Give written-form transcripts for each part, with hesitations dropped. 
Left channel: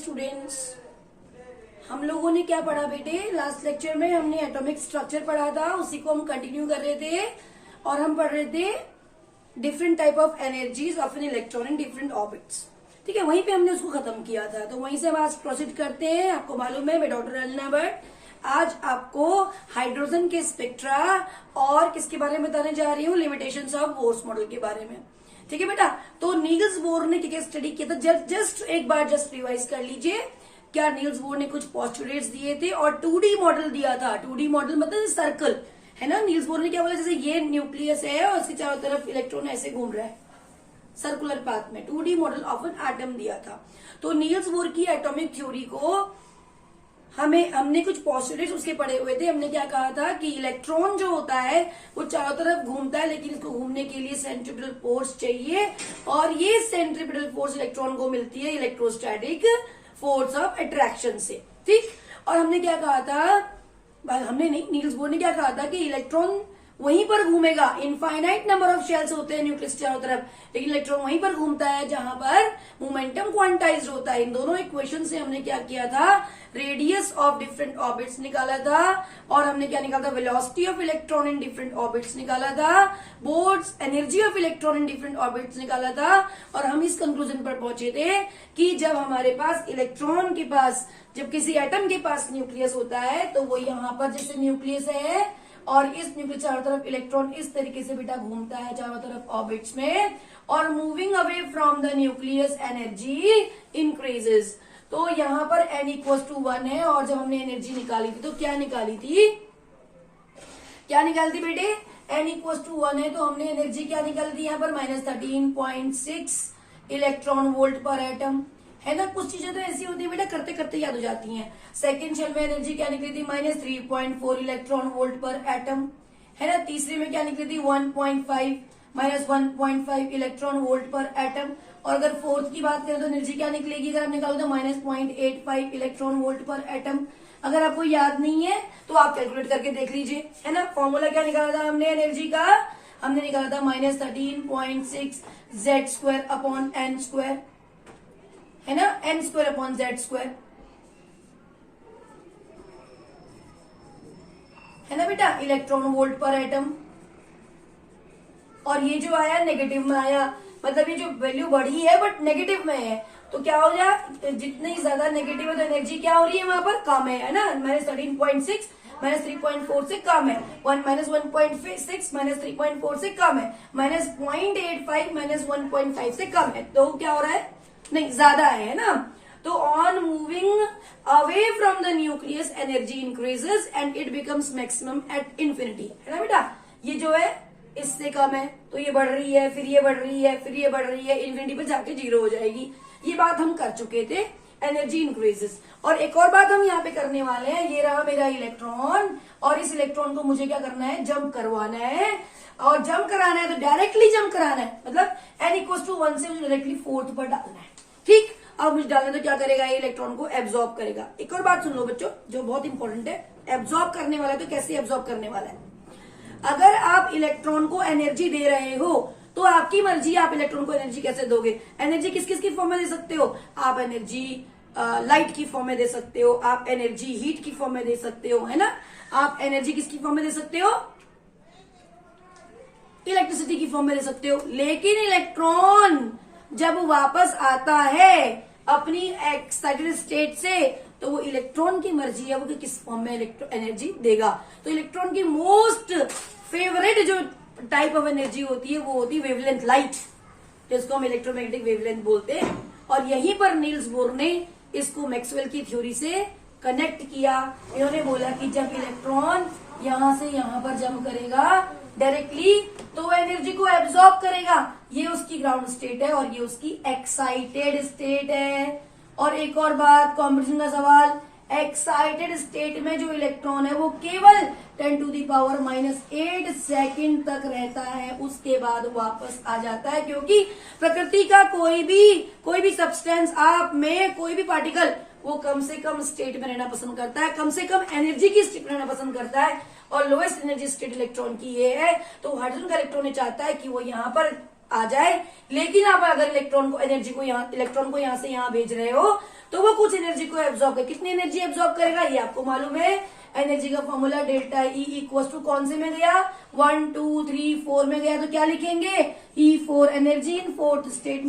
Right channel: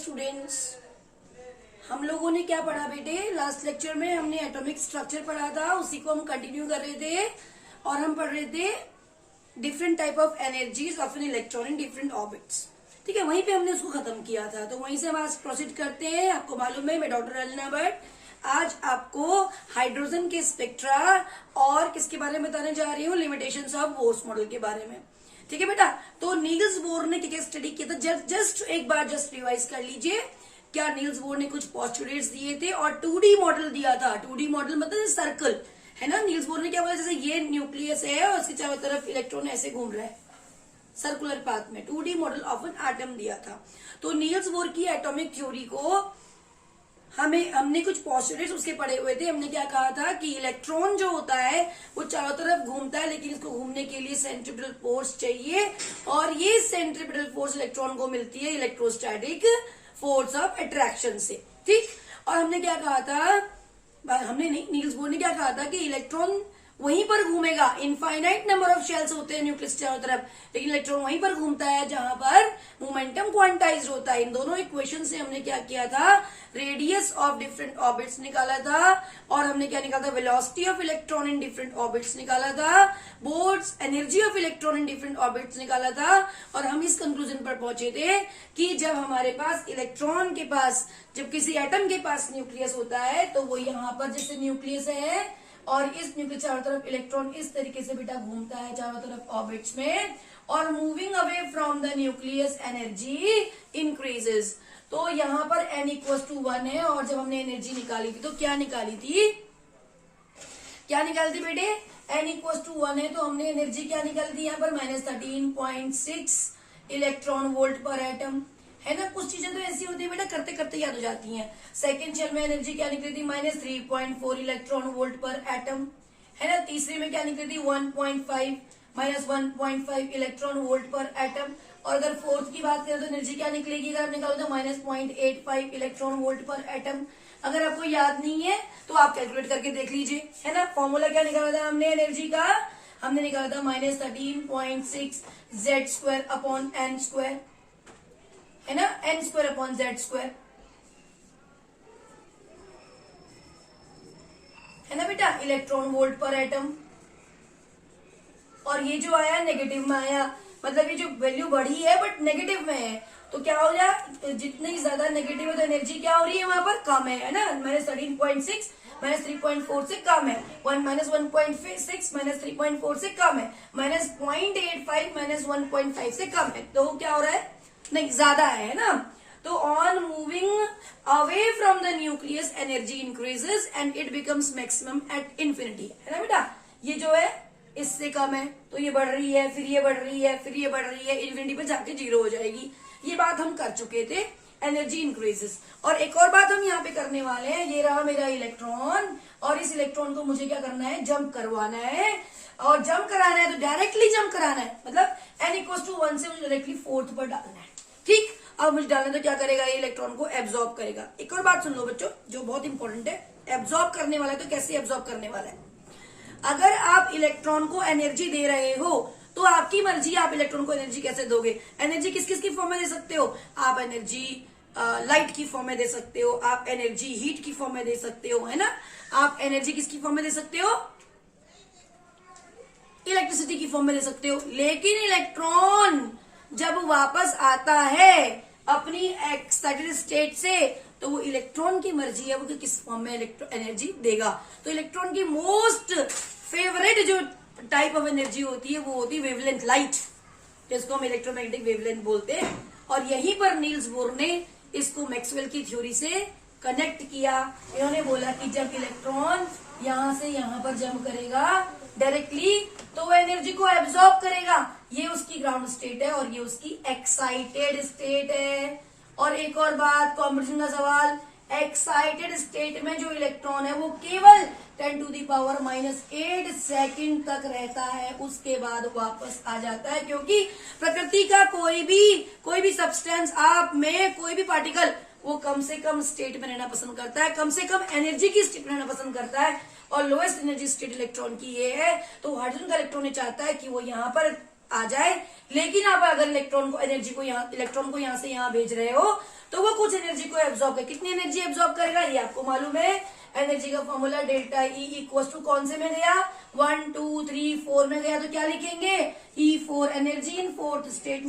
Students, हम लोगों ने क्या पढ़ा बेटे? लास्ट लेक्चर में हमने एटॉमिक स्ट्रक्चर पढ़ा था, उसी को हम कंटिन्यू कर रहे थे और हम पढ़ रहे थे different type of energies of an electron in different orbits. ठीक है, वहीं पे हमने उसको खत्म किया था, तो वहीं से हम आज प्रोसीड करते हैं। आपको मालूम है मैं डॉक्टर रंजना भट्ट आज आपको हाइड्रोजन के स्पेक्ट्रा और किसके बारे में बताने जा रही हूँ, लिमिटेशंस ऑफ बोर्स मॉडल के बारे में। ठीक है बेटा, तो नील्स बोर ने क्या स्टडी किया था, जस्ट एक बार जस्ट रिवाइज कर लीजिए। क्या नील्स बोर ने कुछ पोस्टुलेट्स दिए थे और 2D मॉडल दिया था। 2D मॉडल मतलब सर्कल है ना। नील्स बोर ने क्या बोला, जैसे ये न्यूक्लियस है और इसके चारों तरफ इलेक्ट्रॉन ऐसे घूम रहा है सर्कुलर पाथ में। 2D model of an atom दिया था। तो नील्स बोर की एटॉमिक थ्योरी को हमने कुछ पोस्टुलेट्स उसके पढ़े हुए थे। हमने क्या कहा था कि इलेक्ट्रॉन जो होता है वो चारों तरफ घूमता है, लेकिन इसको घूमने के लिए सेंट्रीपिटल फोर्स चाहिए और ये सेंट्रीपिटल फोर्स इलेक्ट्रॉन को मिलती है इलेक्ट्रोस्टैटिक फोर्स ऑफ अट्रैक्शन से। ठीक, और हमने क्या कहा था, हमने नहीं, नील्स बोर ने क्या कहा था कि इलेक्ट्रॉन वहीं पर घूमेगा। इनफाइनाइट नंबर ऑफ शेल्स होते हैं न्यूक्लियस चारों तरफ, लेकिन इलेक्ट्रॉन वहीं पर घूमता है जहां पर मोमेंटम क्वांटाइज्ड होता है। इन दोनों इक्वेशन से हमने क्या किया था, रेडियस ऑफ डिफरेंट ऑर्बिट्स निकाला था और हमने क्या निकाला था, velocity of electron in different orbits निकाला था, Bohr's energy of electron in different orbits निकाला था। और हम इस कंक्लूजन पर पहुंचे थे कि जब हमारे पास इलेक्ट्रॉन के पास, जब किसी एटम के पास न्यूक्लियस होता है तो वो यहाँ पर जैसे न्यूक्लियस है और इस न्यूक्लियस चारों तरफ इलेक्ट्रॉन इस तरीके से बेटा घूमता है चारों तरफ ऑर्बिट्स में, और moving away from the nucleus energy increases. तो यहाँ पर n=1 है और जब हमने एनर्जी निकाली थी तो क्या निकाली थी, क्या निकाली थी बेटे, n=1 है तो हमने एनर्जी क्या निकाली थी यहाँ पर -13.6 इलेक्ट्रॉन वोल्ट पर एटम, है ना। कुछ चीजें तो ऐसी होती है बेटा करते करते याद हो जाती हैं। सेकेंड शेल में एनर्जी क्या निकली थी, -3.4 इलेक्ट्रॉन वोल्ट पर एटम, है ना। तीसरे में क्या निकली थी, 1.5 इलेक्ट्रॉन वोल्ट पर एटम। और अगर फोर्थ की बात करें तो एनर्जी क्या निकलेगी, अगर आप निकालो तो -0.85 इलेक्ट्रॉन वोल्ट पर एटम। अगर आपको याद नहीं है तो आप कैलकुलेट करके देख लीजिए, है ना। फॉर्मूला क्या निकाला था हमने एनर्जी का, हमने निकाला था -13.6 Z² अपॉन n², है ना, n² अपॉन Z², है ना बेटा, इलेक्ट्रॉन वोल्ट पर एटम। और ये जो आया नेगेटिव में आया, मतलब ये जो वैल्यू बढ़ी है बट नेगेटिव में है, तो क्या हो जाए, जितनी ज्यादा नेगेटिव है तो एनर्जी क्या हो रही है वहां पर, कम है ना। -13.6 -3.4 से कम है, -1.6 -3.4 से कम है, -0.85 -1.5 से कम है, तो क्या हो रहा है, नहीं ज्यादा है ना। तो on moving away from the nucleus energy increases and it becomes maximum at infinity, है ना बेटा। ये जो है इससे कम है तो ये बढ़ रही है, फिर ये बढ़ रही है, फिर ये बढ़ रही है, इन्फिनिटी पे जाके 0 हो जाएगी। ये बात हम कर चुके थे, एनर्जी इंक्रीजेस। और एक और बात हम यहाँ पे करने वाले हैं, ये रहा मेरा इलेक्ट्रॉन और इस इलेक्ट्रॉन को मुझे क्या करना है, जंप करवाना है। और जंप कराना है तो डायरेक्टली जंप कराना है, मतलब n=1 से मुझे डायरेक्टली फोर्थ पर डालना है। ठीक, अब मुझे डालना तो क्या करेगा, ये इलेक्ट्रॉन को एब्जॉर्ब करेगा। एक और बात सुन लो बच्चों जो बहुत इंपॉर्टेंट है, एब्जॉर्ब करने वाला है तो कैसे एब्जॉर्ब करने वाला है। अगर आप इलेक्ट्रॉन को एनर्जी दे रहे हो तो आपकी मर्जी, आप इलेक्ट्रॉन को एनर्जी कैसे दोगे। एनर्जी किस किस की फॉर्म में दे सकते हो, आप एनर्जी लाइट की फॉर्म में दे सकते हो, आप एनर्जी हीट की फॉर्म में दे सकते हो, है ना। आप एनर्जी किसकी फॉर्म में दे सकते हो, इलेक्ट्रिसिटी की फॉर्म में दे सकते हो। लेकिन इलेक्ट्रॉन जब वापस आता है अपनी एक्साइटेड स्टेट से तो वो इलेक्ट्रॉन की मर्जी है वो किस फॉर्म में एनर्जी देगा। तो इलेक्ट्रॉन की मोस्ट फेवरेट जो टाइप ऑफ एनर्जी होती है वो होती है वेवलेंथ लाइट, जिसको हम इलेक्ट्रोमैग्नेटिक वेवलेंथ बोलते हैं। और यहीं पर नील्स बोर ने इसको मैक्सवेल की थ्योरी से कनेक्ट किया। इन्होंने बोला कि जब इलेक्ट्रॉन यहां से यहां पर जंप करेगा डायरेक्टली तो वो एनर्जी को एब्जॉर्ब करेगा। ये उसकी ग्राउंड स्टेट है और ये उसकी एक्साइटेड स्टेट है। और एक और बात, कॉम्पिटिशन का सवाल, एक्साइटेड स्टेट में जो इलेक्ट्रॉन है वो केवल 10⁻⁸ सेकंड तक रहता है, उसके बाद वापस आ जाता है। क्योंकि प्रकृति का कोई भी सब्सटेंस, आप में कोई भी पार्टिकल, वो कम से कम स्टेट में रहना पसंद करता है, कम से कम एनर्जी की स्टेट में रहना पसंद करता है। और लोएस्ट एनर्जी स्टेट इलेक्ट्रॉन की ये है। तो हाइड्रोजन का इलेक्ट्रॉन चाहता है कि वो यहाँ पर आ जाए। लेकिन आप अगर इलेक्ट्रॉन को यहाँ से यहाँ भेज रहे हो तो वो कुछ एनर्जी को एब्जॉर्ब करे। कितनी एनर्जी एब्जॉर्ब करेगा ये आपको मालूम है। एनर्जी का formula delta E equal to कौन से में गया, 1 2 3 4 में गया, तो क्या लिखेंगे, E4 energy in fourth state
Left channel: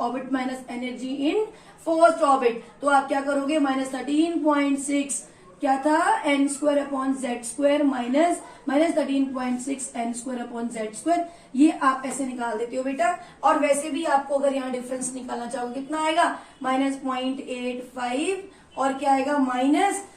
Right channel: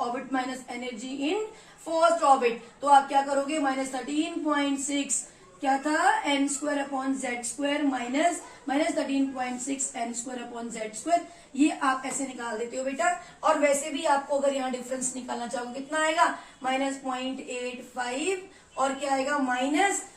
orbit minus energy in first orbit. तो आप क्या करोगे, -13.6 क्या था, n square upon Z square minus -13.6 n square upon Z square. ये आप ऐसे निकाल देते हो बेटा। और वैसे भी आपको अगर यहाँ डिफरेंस निकालना चाहोगे कितना आएगा, -0.85 और क्या आएगा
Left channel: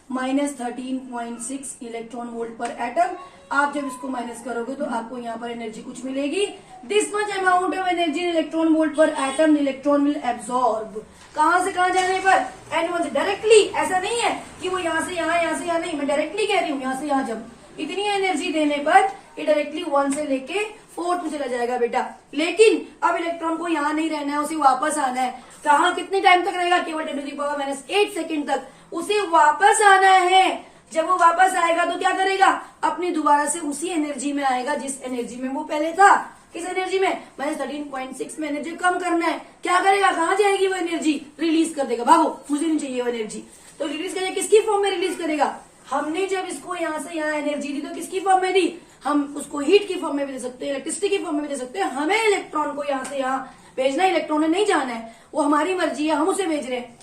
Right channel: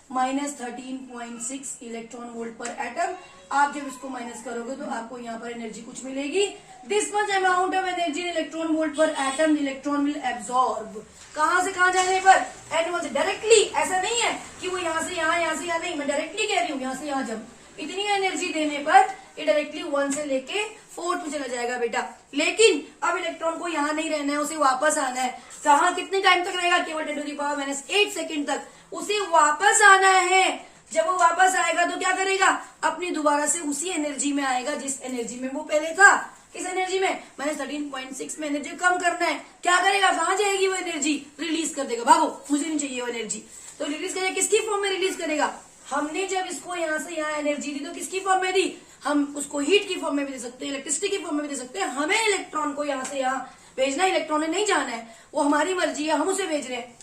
-13.6 इलेक्ट्रॉन वोल्ट पर एटम। आप जब इसको माइनस करोगे तो आपको यहाँ पर एनर्जी कुछ मिलेगी, this much amount of energy in electron volt पर एटम इलेक्ट्रॉन विल एब्सॉर्ब। कहां से कहां जाने पर, एन से डायरेक्टली। ऐसा नहीं है कि वो यहाँ से यहाँ नहीं, मैं डायरेक्टली कह रही हूँ, यहाँ से यहाँ जब इतनी एनर्जी देने पर ये डायरेक्टली 1 से लेके 4 में चला जाएगा बेटा। लेकिन अब इलेक्ट्रॉन को यहाँ नहीं रहना है, उसे वापस आना है। कहाँ कितने टाइम तक रहेगा, केवल 10⁻⁻8 सेकेंड तक उसे वापस आना है। जब वो वापस आएगा तो क्या करेगा, अपनी दोबारा से उसी एनर्जी में आएगा जिस एनर्जी में वो पहले था। किस एनर्जी में, -13.6 में एनर्जी कम करना है। क्या करेगा, कहाँ जाएगी वो एनर्जी, रिलीज कर देगा, भागो मुझे नहीं चाहिए वो एनर्जी। तो रिलीज करेगा, किसकी फॉर्म में रिलीज करेगा, हमने जब इसको यहाँ से यहाँ एनर्जी दी तो किसकी फॉर्म में दी, हम उसको हीट की फॉर्म में भी दे सकते हैं, इलेक्ट्रिसिटी की फॉर्म में भी दे सकते हैं। हमें इलेक्ट्रॉन को यहाँ से यहाँ भेजना है, इलेक्ट्रॉन ने नहीं जाना है, वो हमारी मर्जी है, हम उसे भेज रहे हैं,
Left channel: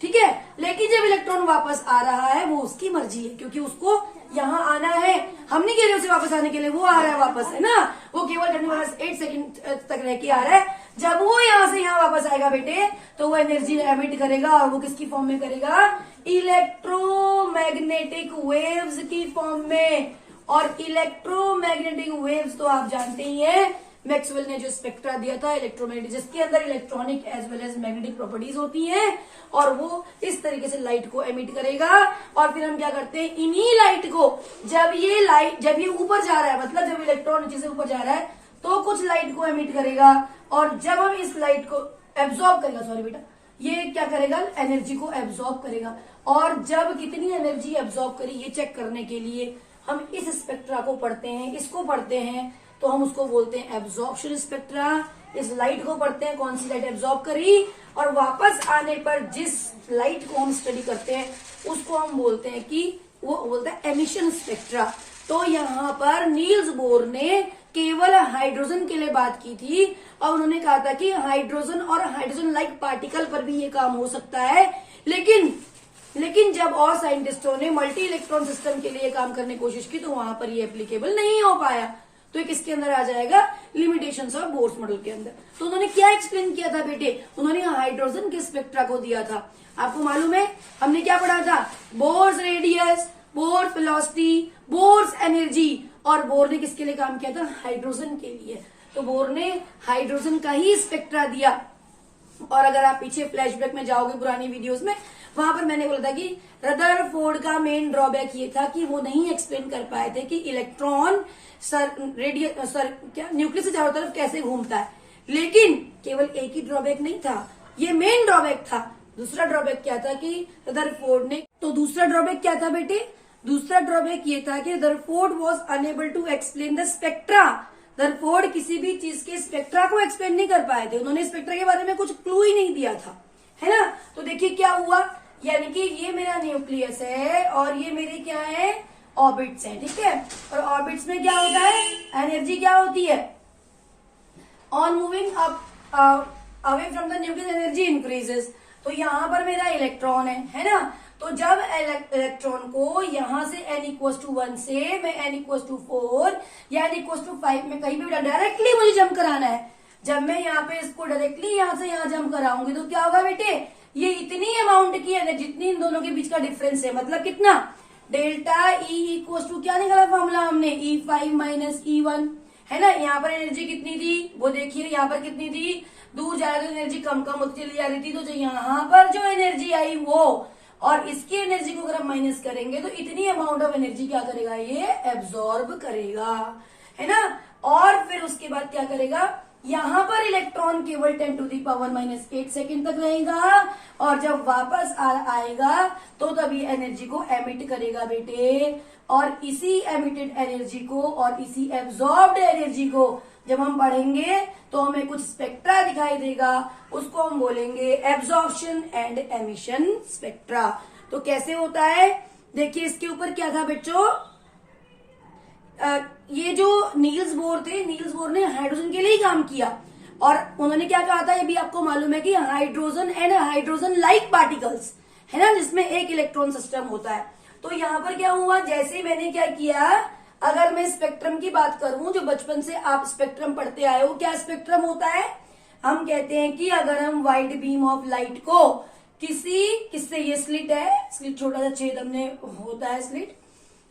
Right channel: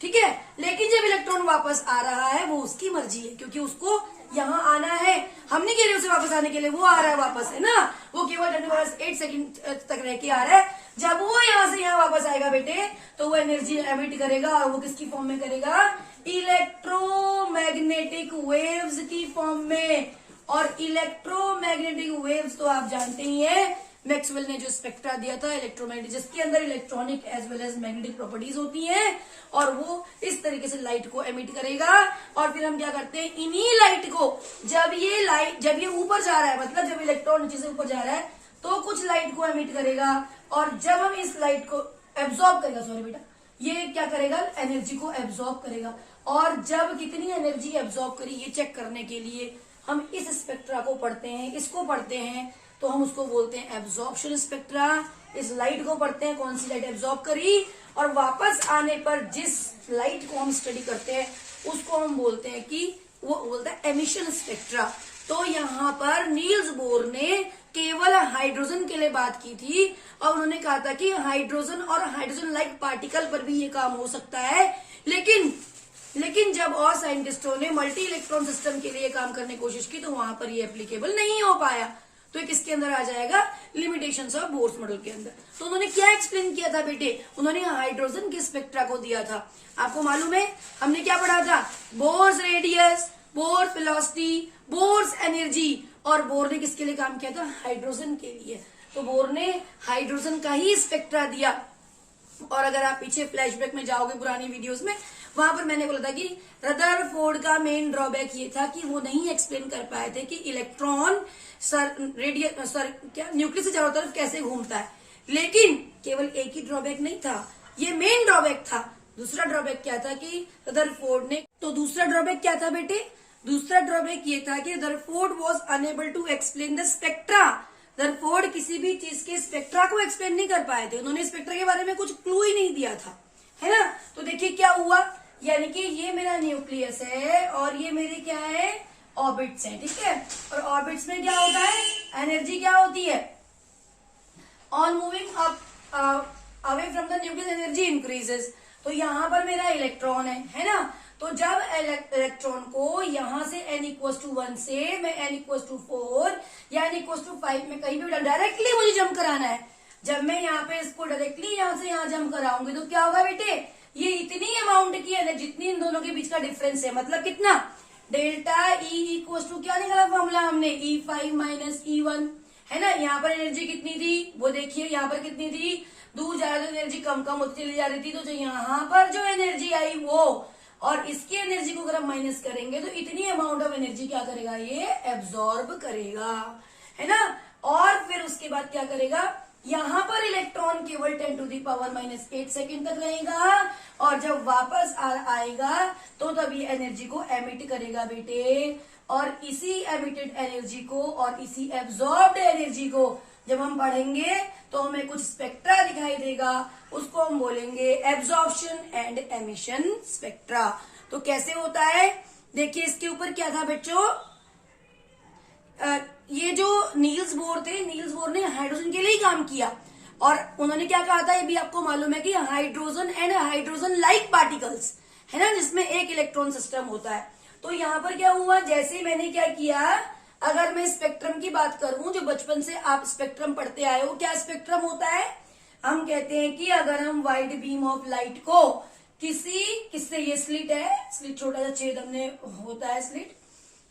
ठीक है। लेकिन जब इलेक्ट्रॉन वापस आ रहा है वो उसकी मर्जी है, क्योंकि उसको यहाँ आना है, हम नहीं कह रहे उसे वापस आने के लिए, वो आ रहा है वापस, है ना। वो केवल 10⁻8 सेकेंड तक रह के आ रहा है। जब वो यहाँ से यहाँ वापस आएगा बेटे तो वो एनर्जी एमिट करेगा, और वो किसकी फॉर्म में करेगा, इलेक्ट्रोमैग्नेटिक वेव्स की फॉर्म में। और इलेक्ट्रोमैग्नेटिक वेव्स तो आप जानते ही हैं, मैक्सवेल ने जो स्पेक्ट्रा दिया था इलेक्ट्रोमैग्नेटिक, जिसके अंदर electronic as well as magnetic properties होती हैं, और वो इस तरीके से लाइट को एमिट करेगा। और फिर हम क्या करते हैं, इन्हीं लाइट को जब ये ऊपर जा रहा है, मतलब जब इलेक्ट्रॉन नीचे से ऊपर जा रहा है तो कुछ लाइट को एमिट करेगा, और जब हम इस लाइट को एब्जॉर्ब करेगा, सॉरी बेटा, ये क्या करेगा, एनर्जी को एब्जॉर्ब करेगा। और जब कितनी एनर्जी एब्जॉर्ब करी ये चेक करने के लिए हम इस स्पेक्ट्रा को पढ़ते हैं, इसको पढ़ते हैं, तो हम उसको बोलते हैं एब्जॉर्प्शन स्पेक्ट्रा। इस लाइट को पढ़ते हैं, कौन सी लाइट एब्जॉर्ब करी, और वापस आने पर जिस लाइट को हम स्टडी करते हैं उसको हम बोलते हैं कि वो बोलता है एमिशन स्पेक्ट्रा। तो यहाँ पर नील्स बोर ने केवल हाइड्रोजन के लिए बात की थी, और उन्होंने कहा था कि हाइड्रोजन और हाइड्रोजन लाइक पार्टिकल पर भी ये काम हो सकता है। लेकिन जब और साइंटिस्टों ने मल्टी इलेक्ट्रॉन सिस्टम के लिए काम करने की कोशिश की तो वहां पर ये एप्लीकेबल नहीं हो पाया। तो ये किसके अंदर आ जाएगा, लिमिटेशंस ऑफ बोर्स मॉडल के अंदर। तो उन्होंने क्या एक्सप्लेन किया था बेटे, उन्होंने हाइड्रोजन के स्पेक्ट्रा को दिया था। आपको मालूम है हमने क्या पढ़ा था, Bohr's radius, Bohr's velocity, Bohr's energy. और बोर ने किसके लिए काम किया था, हाइड्रोजन के लिए। तो बोर ने हाइड्रोजन का ही स्पेक्ट्रा दिया। और अगर आप पीछे फ्लैशबैक में जाओगे पुरानी वीडियोस में, वहां पर मैंने बोला था कि रदरफोर्ड का मेन ड्रॉबैक ये था कि वो नहीं एक्सप्लेन कर पाए थे कि इलेक्ट्रॉन न्यूक्लियस से चारों तरफ कैसे घूमता है। लेकिन केवल एक ही ड्रॉबैक नहीं था, ये मेन ड्रॉबैक था। दूसरा ड्रॉबैक क्या था कि रदरफोर्ड ने, तो दूसरा ड्रॉबैक क्या था बेटे, दूसरा ड्रॉबैक ये था कि Rutherford was unable to explain the spectra. Rutherford किसी भी चीज के स्पेक्ट्रा को एक्सप्लेन नहीं कर पाए थे, उन्होंने स्पेक्ट्रा के बारे में कुछ क्लू ही नहीं दिया था, है ना। तो देखिए क्या हुआ, यानी कि ये मेरा न्यूक्लियस है और ये मेरी क्या है, ऑर्बिट्स है, ठीक है। और ऑर्बिट्स में क्या होता है, एनर्जी क्या होती है, on moving up away from the nucleus energy increases. तो यहाँ पर मेरा इलेक्ट्रॉन है ना। तो जब इलेक्ट्रॉन को यहाँ से n=1 से मैं n=4 या n=5 में कहीं भी डायरेक्टली मुझे जंप कराना है, जब मैं यहाँ पे इसको डायरेक्टली यहाँ से यहाँ जंप कराऊंगी तो क्या होगा बेटे, ये इतनी अमाउंट की है जितनी इन दोनों के बीच का डिफरेंस है, मतलब कितना, डेल्टा ई इक्वल टू क्या निकाला फॉर्मूला हमने, E5 - E1, है ना। यहाँ पर एनर्जी कितनी थी वो देखिए, यहाँ पर कितनी थी, दूर जा रही तो एनर्जी कम होती चली जा रही थी। तो जो यहाँ पर जो एनर्जी आई वो और इसकी एनर्जी को अगर हम माइनस करेंगे तो इतनी अमाउंट ऑफ एनर्जी क्या करेगा, ये एब्सॉर्ब करेगा, है ना। और फिर उसके बाद क्या करेगा, यहाँ पर इलेक्ट्रॉन केवल 10⁻⁻8 सेकेंड तक रहेगा, और जब वापस आएगा तो तब ये एनर्जी को एमिट करेगा बेटे। और इसी एमिटेड एनर्जी को और इसी एब्जॉर्ब्ड एनर्जी को जब हम पढ़ेंगे तो हमें कुछ स्पेक्ट्रा दिखाई देगा, उसको हम बोलेंगे एब्जॉर्प्शन एंड एमिशन स्पेक्ट्रा। तो कैसे होता है, देखिए इसके ऊपर क्या था बच्चों, ये जो नील्स बोर थे, नील्स बोर ने हाइड्रोजन के लिए ही काम किया और उन्होंने क्या कहा था, ये भी आपको मालूम है कि hydrogen and hydrogen like particles है ना, जिसमें एक इलेक्ट्रॉन सिस्टम होता है। तो यहाँ पर क्या हुआ, जैसे मैंने क्या किया, अगर मैं स्पेक्ट्रम की बात करूं, जो बचपन से आप स्पेक्ट्रम पढ़ते आए हो, क्या स्पेक्ट्रम होता है, हम कहते हैं कि अगर हम व्हाइट बीम ऑफ लाइट को किससे, ये स्लिट है, स्लिट छोटा सा छेद हमने होता है स्लिट,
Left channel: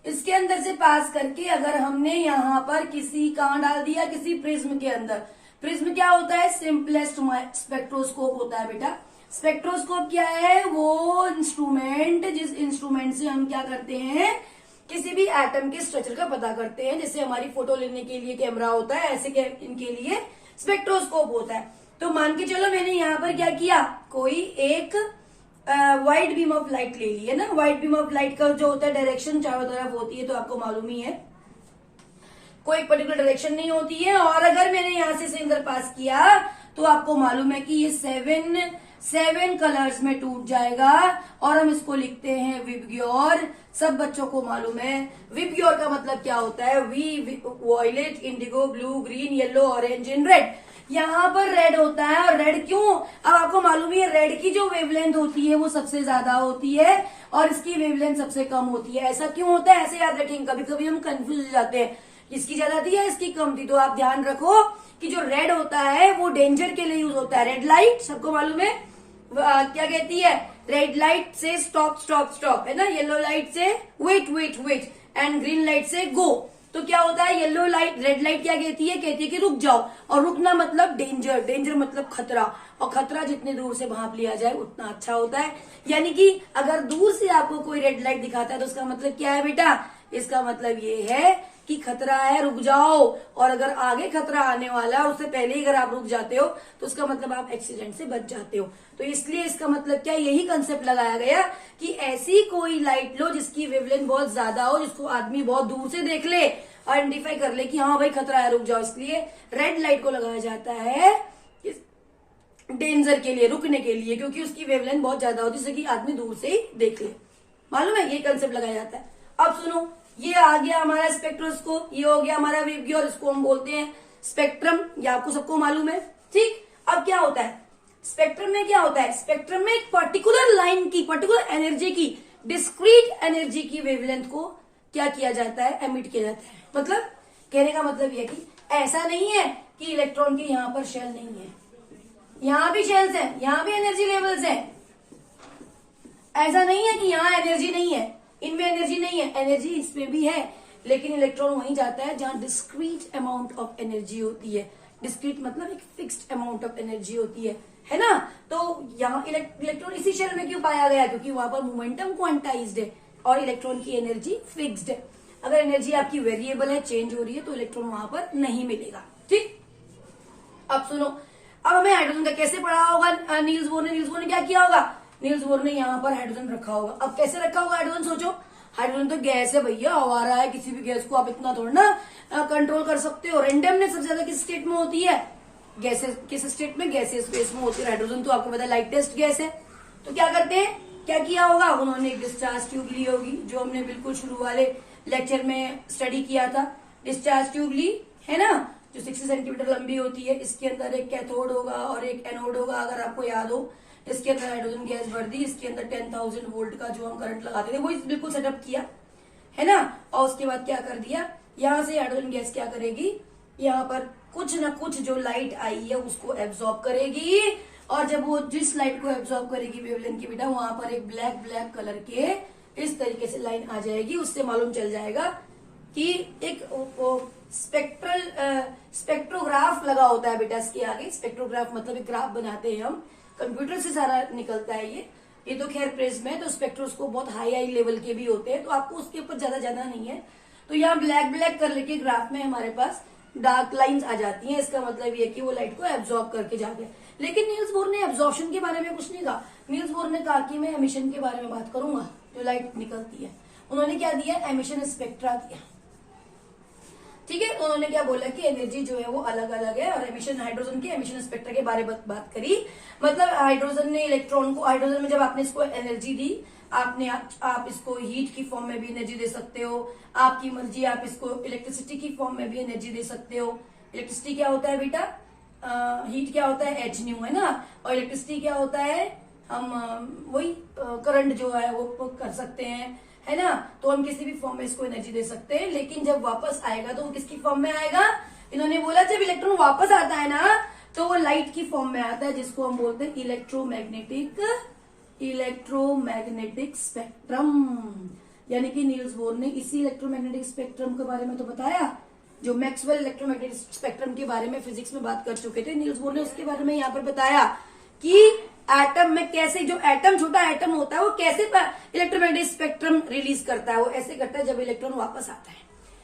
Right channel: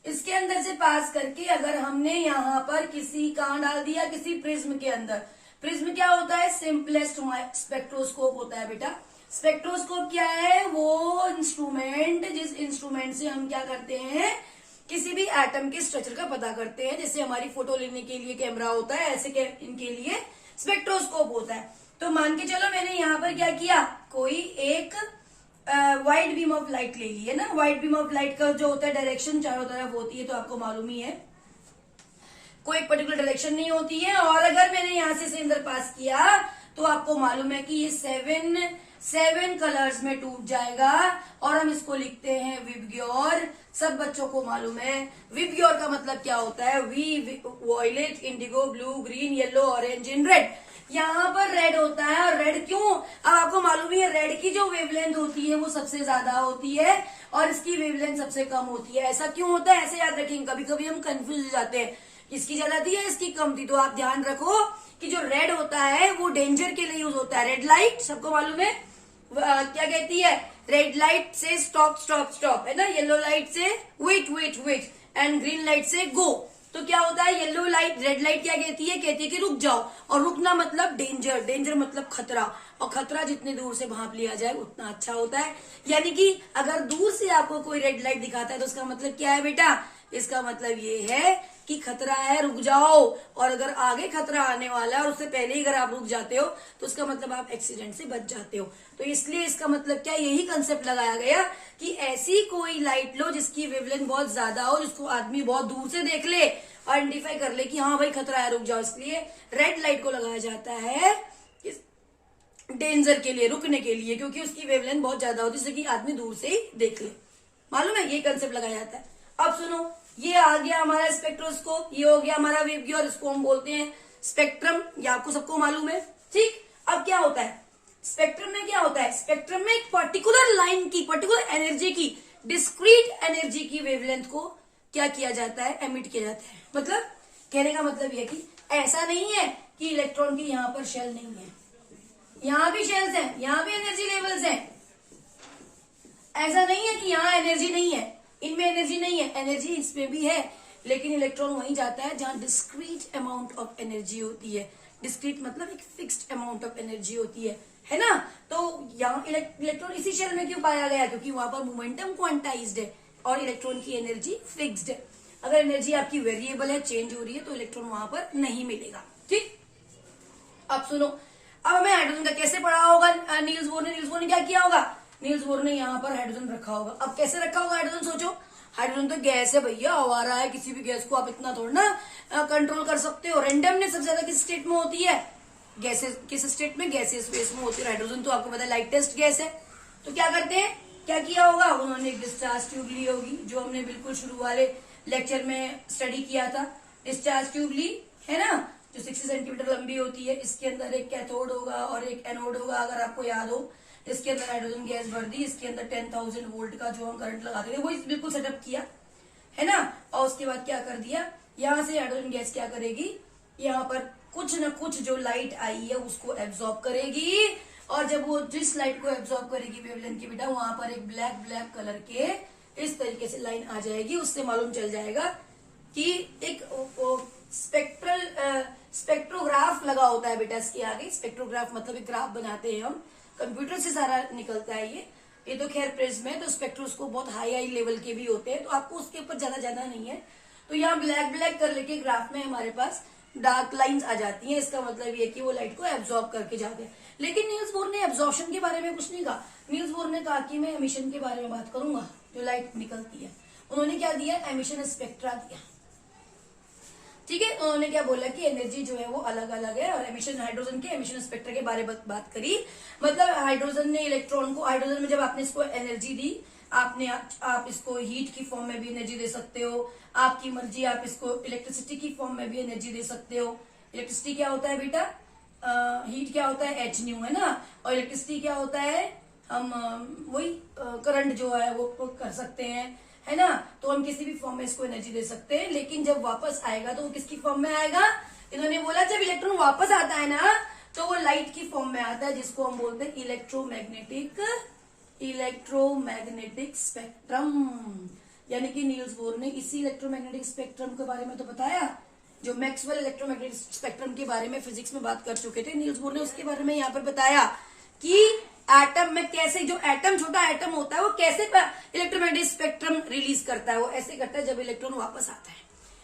इसके अंदर से पास करके अगर हमने यहाँ पर कहाँ डाल दिया, किसी प्रिज्म के अंदर। प्रिज्म क्या होता है, सिंपलेस्ट स्पेक्ट्रोस्कोप होता है बेटा। स्पेक्ट्रोस्कोप क्या है, वो इंस्ट्रूमेंट जिस इंस्ट्रूमेंट से हम क्या करते हैं, किसी भी एटम के स्ट्रक्चर का पता करते हैं। जैसे हमारी फोटो लेने के लिए कैमरा होता है, ऐसे इनके लिए स्पेक्ट्रोस्कोप होता है। तो मान के चलो मैंने यहाँ पर क्या किया, कोई एक व्हाइट बीम ऑफ लाइट ले ली है ना। व्हाइट बीम ऑफ लाइट का जो होता है डायरेक्शन चारों तरफ होती है, तो आपको मालूम ही है, कोई पर्टिकुलर डायरेक्शन नहीं होती है। और अगर मैंने यहाँ से इसे अंदर पास किया तो आपको मालूम है कि ये सेवन कलर्स में टूट जाएगा और हम इसको लिखते हैं विबग्योर। सब बच्चों को मालूम है विबग्योर का मतलब क्या होता है, violet, indigo, blue, green, yellow, orange and red. यहाँ पर रेड होता है, और रेड क्यों, अब आपको मालूम ही है, रेड की जो वेवलेंथ होती है वो सबसे ज्यादा होती है और इसकी वेवलेंथ सबसे कम होती है। ऐसा क्यों होता है, ऐसे याद रखेंगे, कभी कभी हम कंफ्यूज हो जाते हैं, इसकी ज्यादा थी या इसकी कम थी। तो आप ध्यान रखो कि जो रेड होता है वो डेंजर के लिए यूज होता है। रेड लाइट सबको मालूम है क्या कहती है, रेड लाइट से स्टॉप स्टॉप स्टॉप है ना, येलो लाइट से wait wait wait and green light से गो। तो क्या होता है, येलो लाइट, रेड लाइट क्या कहती है कि रुक जाओ, और रुकना मतलब डेंजर, डेंजर मतलब खतरा, और खतरा जितने दूर से भांप लिया जाए उतना अच्छा होता है। यानी कि अगर दूर से आपको कोई रेड लाइट दिखाता है तो उसका मतलब क्या है बेटा, इसका मतलब ये है कि खतरा है, रुक जाओ। और अगर आगे खतरा आने वाला है और उससे पहले ही अगर आप रुक जाते हो तो उसका मतलब आप एक्सीडेंट से बच जाते हो। तो इसलिए इसका मतलब क्या, यही कंसेप्ट लगाया गया कि ऐसी कोई लाइट लो जिसकी वेवलेंथ बहुत ज्यादा हो, जिसको आदमी बहुत दूर से देख ले, आइडेंटिफाई कर ले कि हाँ भाई खतरा है, रुक जाओ। इसलिए रेड लाइट को लगाया जाता है डेंजर के लिए, रुकने के लिए, क्योंकि उसकी वेवलेंथ बहुत ज्यादा होती है, जिससे कि आदमी दूर से ही देख ले। मालूम है, ये कंसेप्ट लगाया जाता है। अब सुनो, ये आ गया हमारा स्पेक्ट्रोस्कोप, ये हो गया हमारा विबग्योर, इसको हम बोलते हैं स्पेक्ट्रम, ये आपको सबको मालूम है, ठीक। अब क्या होता है स्पेक्ट्रम में, क्या होता है स्पेक्ट्रम में, एक पर्टिकुलर लाइन की, पर्टिकुलर एनर्जी की, डिस्क्रीट एनर्जी की वेवलेंथ को क्या किया जाता है, एमिट किया जाता है। मतलब कहने का मतलब यह कि ऐसा नहीं है कि इलेक्ट्रॉन के यहाँ पर शेल नहीं है, यहाँ भी शेल्स हैं, यहाँ भी एनर्जी लेवल्स हैं। ऐसा नहीं है कि यहाँ एनर्जी नहीं है, इनमें एनर्जी नहीं है, एनर्जी इसमें भी है, लेकिन इलेक्ट्रॉन वहीं जाता है जहां डिस्क्रीट अमाउंट ऑफ एनर्जी होती है। डिस्क्रीट मतलब एक फिक्स्ड अमाउंट ऑफ एनर्जी होती है ना। तो यहाँ इलेक्ट्रॉन इसी शेल में क्यों पाया गया, क्योंकि वहां पर मोमेंटम क्वांटाइज्ड है और इलेक्ट्रॉन की एनर्जी फिक्स्ड है। अगर एनर्जी आपकी वेरिएबल है, चेंज हो रही है, तो इलेक्ट्रॉन वहां पर नहीं मिलेगा, ठीक। अब सुनो, अब हमें हाइड्रोजन का कैसे पढ़ा होगा, नील्स बोर ने क्या किया होगा, नील्स बोर ने यहाँ पर हाइड्रोजन रखा होगा। अब कैसे रखा होगा हाइड्रोजन, सोचो, हाइड्रोजन तो गैस है भैया, आवारा है, किसी भी गैस को आप इतना थोड़ा ना कंट्रोल कर सकते हो। रेंडमनेस सबसे ज्यादा किस स्टेट में होती है, गैसेस, किस स्टेट में, गैसेस स्पेस में होती है। हाइड्रोजन तो आपको पता है लाइटेस्ट गैस है। तो क्या करते हैं, क्या किया होगा, उन्होंने एक डिस्चार्ज ट्यूब ली होगी, जो हमने बिल्कुल शुरू वाले लेक्चर में स्टडी किया था। डिस्चार्ज ट्यूब ली है ना, जो 60 सेंटीमीटर लंबी होती है। इसके अंदर एक कैथोड होगा और एक एनोड होगा, अगर आपको याद हो। इसके अंदर हाइड्रोजन गैस भर दी, इसके अंदर 10,000 वोल्ट का जो हम करंट लगाते थे वो बिल्कुल सेटअप किया है ना। और उसके बाद क्या कर दिया, यहाँ से हाइड्रोजन गैस क्या करेगी, यहाँ पर कुछ न कुछ जो लाइट आई है उसको एब्जॉर्ब करेगी, और जब वो जिस लाइट को एब्जॉर्ब करेगी वेवलेंथ की बेटा, वहां पर एक ब्लैक ब्लैक कलर के इस तरीके से लाइन आ जाएगी। उससे मालूम चल जाएगा कि एक स्पेक्ट्रोग्राफ लगा होता है बेटा इसके आगे। स्पेक्ट्रोग्राफ मतलब एक ग्राफ बनाते हैं हम, कंप्यूटर से सारा निकलता है ये तो खैर प्रिज्म है, तो स्पेक्ट्रोस्कोप बहुत हाई लेवल के भी होते हैं, तो आपको उसके ऊपर ज्यादा जाना नहीं है। तो यहाँ ब्लैक ब्लैक कर लेके ग्राफ में हमारे पास डार्क लाइंस आ जाती हैं। इसका मतलब ये कि वो लाइट को एब्जॉर्ब करके जाते हैं। लेकिन नील्स बोर ने एब्जॉर्प्शन के बारे में कुछ नहीं कहा। नील्स बोर ने कहा कि मैं एमिशन के बारे में बात करूंगा, जो लाइट निकलती है। उन्होंने क्या दिया, एमिशन स्पेक्ट्रा दिया। ठीक है, उन्होंने क्या बोला कि एनर्जी जो है वो अलग अलग है, और एमिशन, हाइड्रोजन के एमिशन स्पेक्ट्रा के बारे में बात करी। मतलब हाइड्रोजन ने इलेक्ट्रॉन को, हाइड्रोजन में जब आपने इसको एनर्जी दी, आपने आप इसको हीट की फॉर्म में भी एनर्जी दे सकते हो, आपकी मर्जी, आप इसको इलेक्ट्रिसिटी की फॉर्म में भी एनर्जी दे सकते हो। इलेक्ट्रिसिटी क्या होता है बेटा, हीट क्या होता है, H न्यू है ना, और इलेक्ट्रिसिटी क्या होता है, हम वही करंट जो है वो कर सकते हैं, है ना। तो हम किसी भी फॉर्म में इसको एनर्जी दे सकते हैं, लेकिन जब वापस आएगा तो वो किसकी फॉर्म में आएगा, इन्होंने बोला जब इलेक्ट्रॉन वापस आता है ना तो वो लाइट की फॉर्म में आता है, जिसको हम बोलते हैं इलेक्ट्रोमैग्नेटिक स्पेक्ट्रम। यानी कि नील्स बोर ने इसी इलेक्ट्रोमैग्नेटिक स्पेक्ट्रम के बारे में तो बताया, जो मैक्सवेल इलेक्ट्रोमैग्नेटिक स्पेक्ट्रम के बारे में फिजिक्स में बात कर चुके थे, नील्स बोर ने उसके बारे में यहाँ पर बताया कि एटम में कैसे, जो एटम, छोटा एटम होता है वो कैसे इलेक्ट्रोमैग्नेटिक स्पेक्ट्रम रिलीज करता है, वो ऐसे करता है जब इलेक्ट्रॉन वापस आता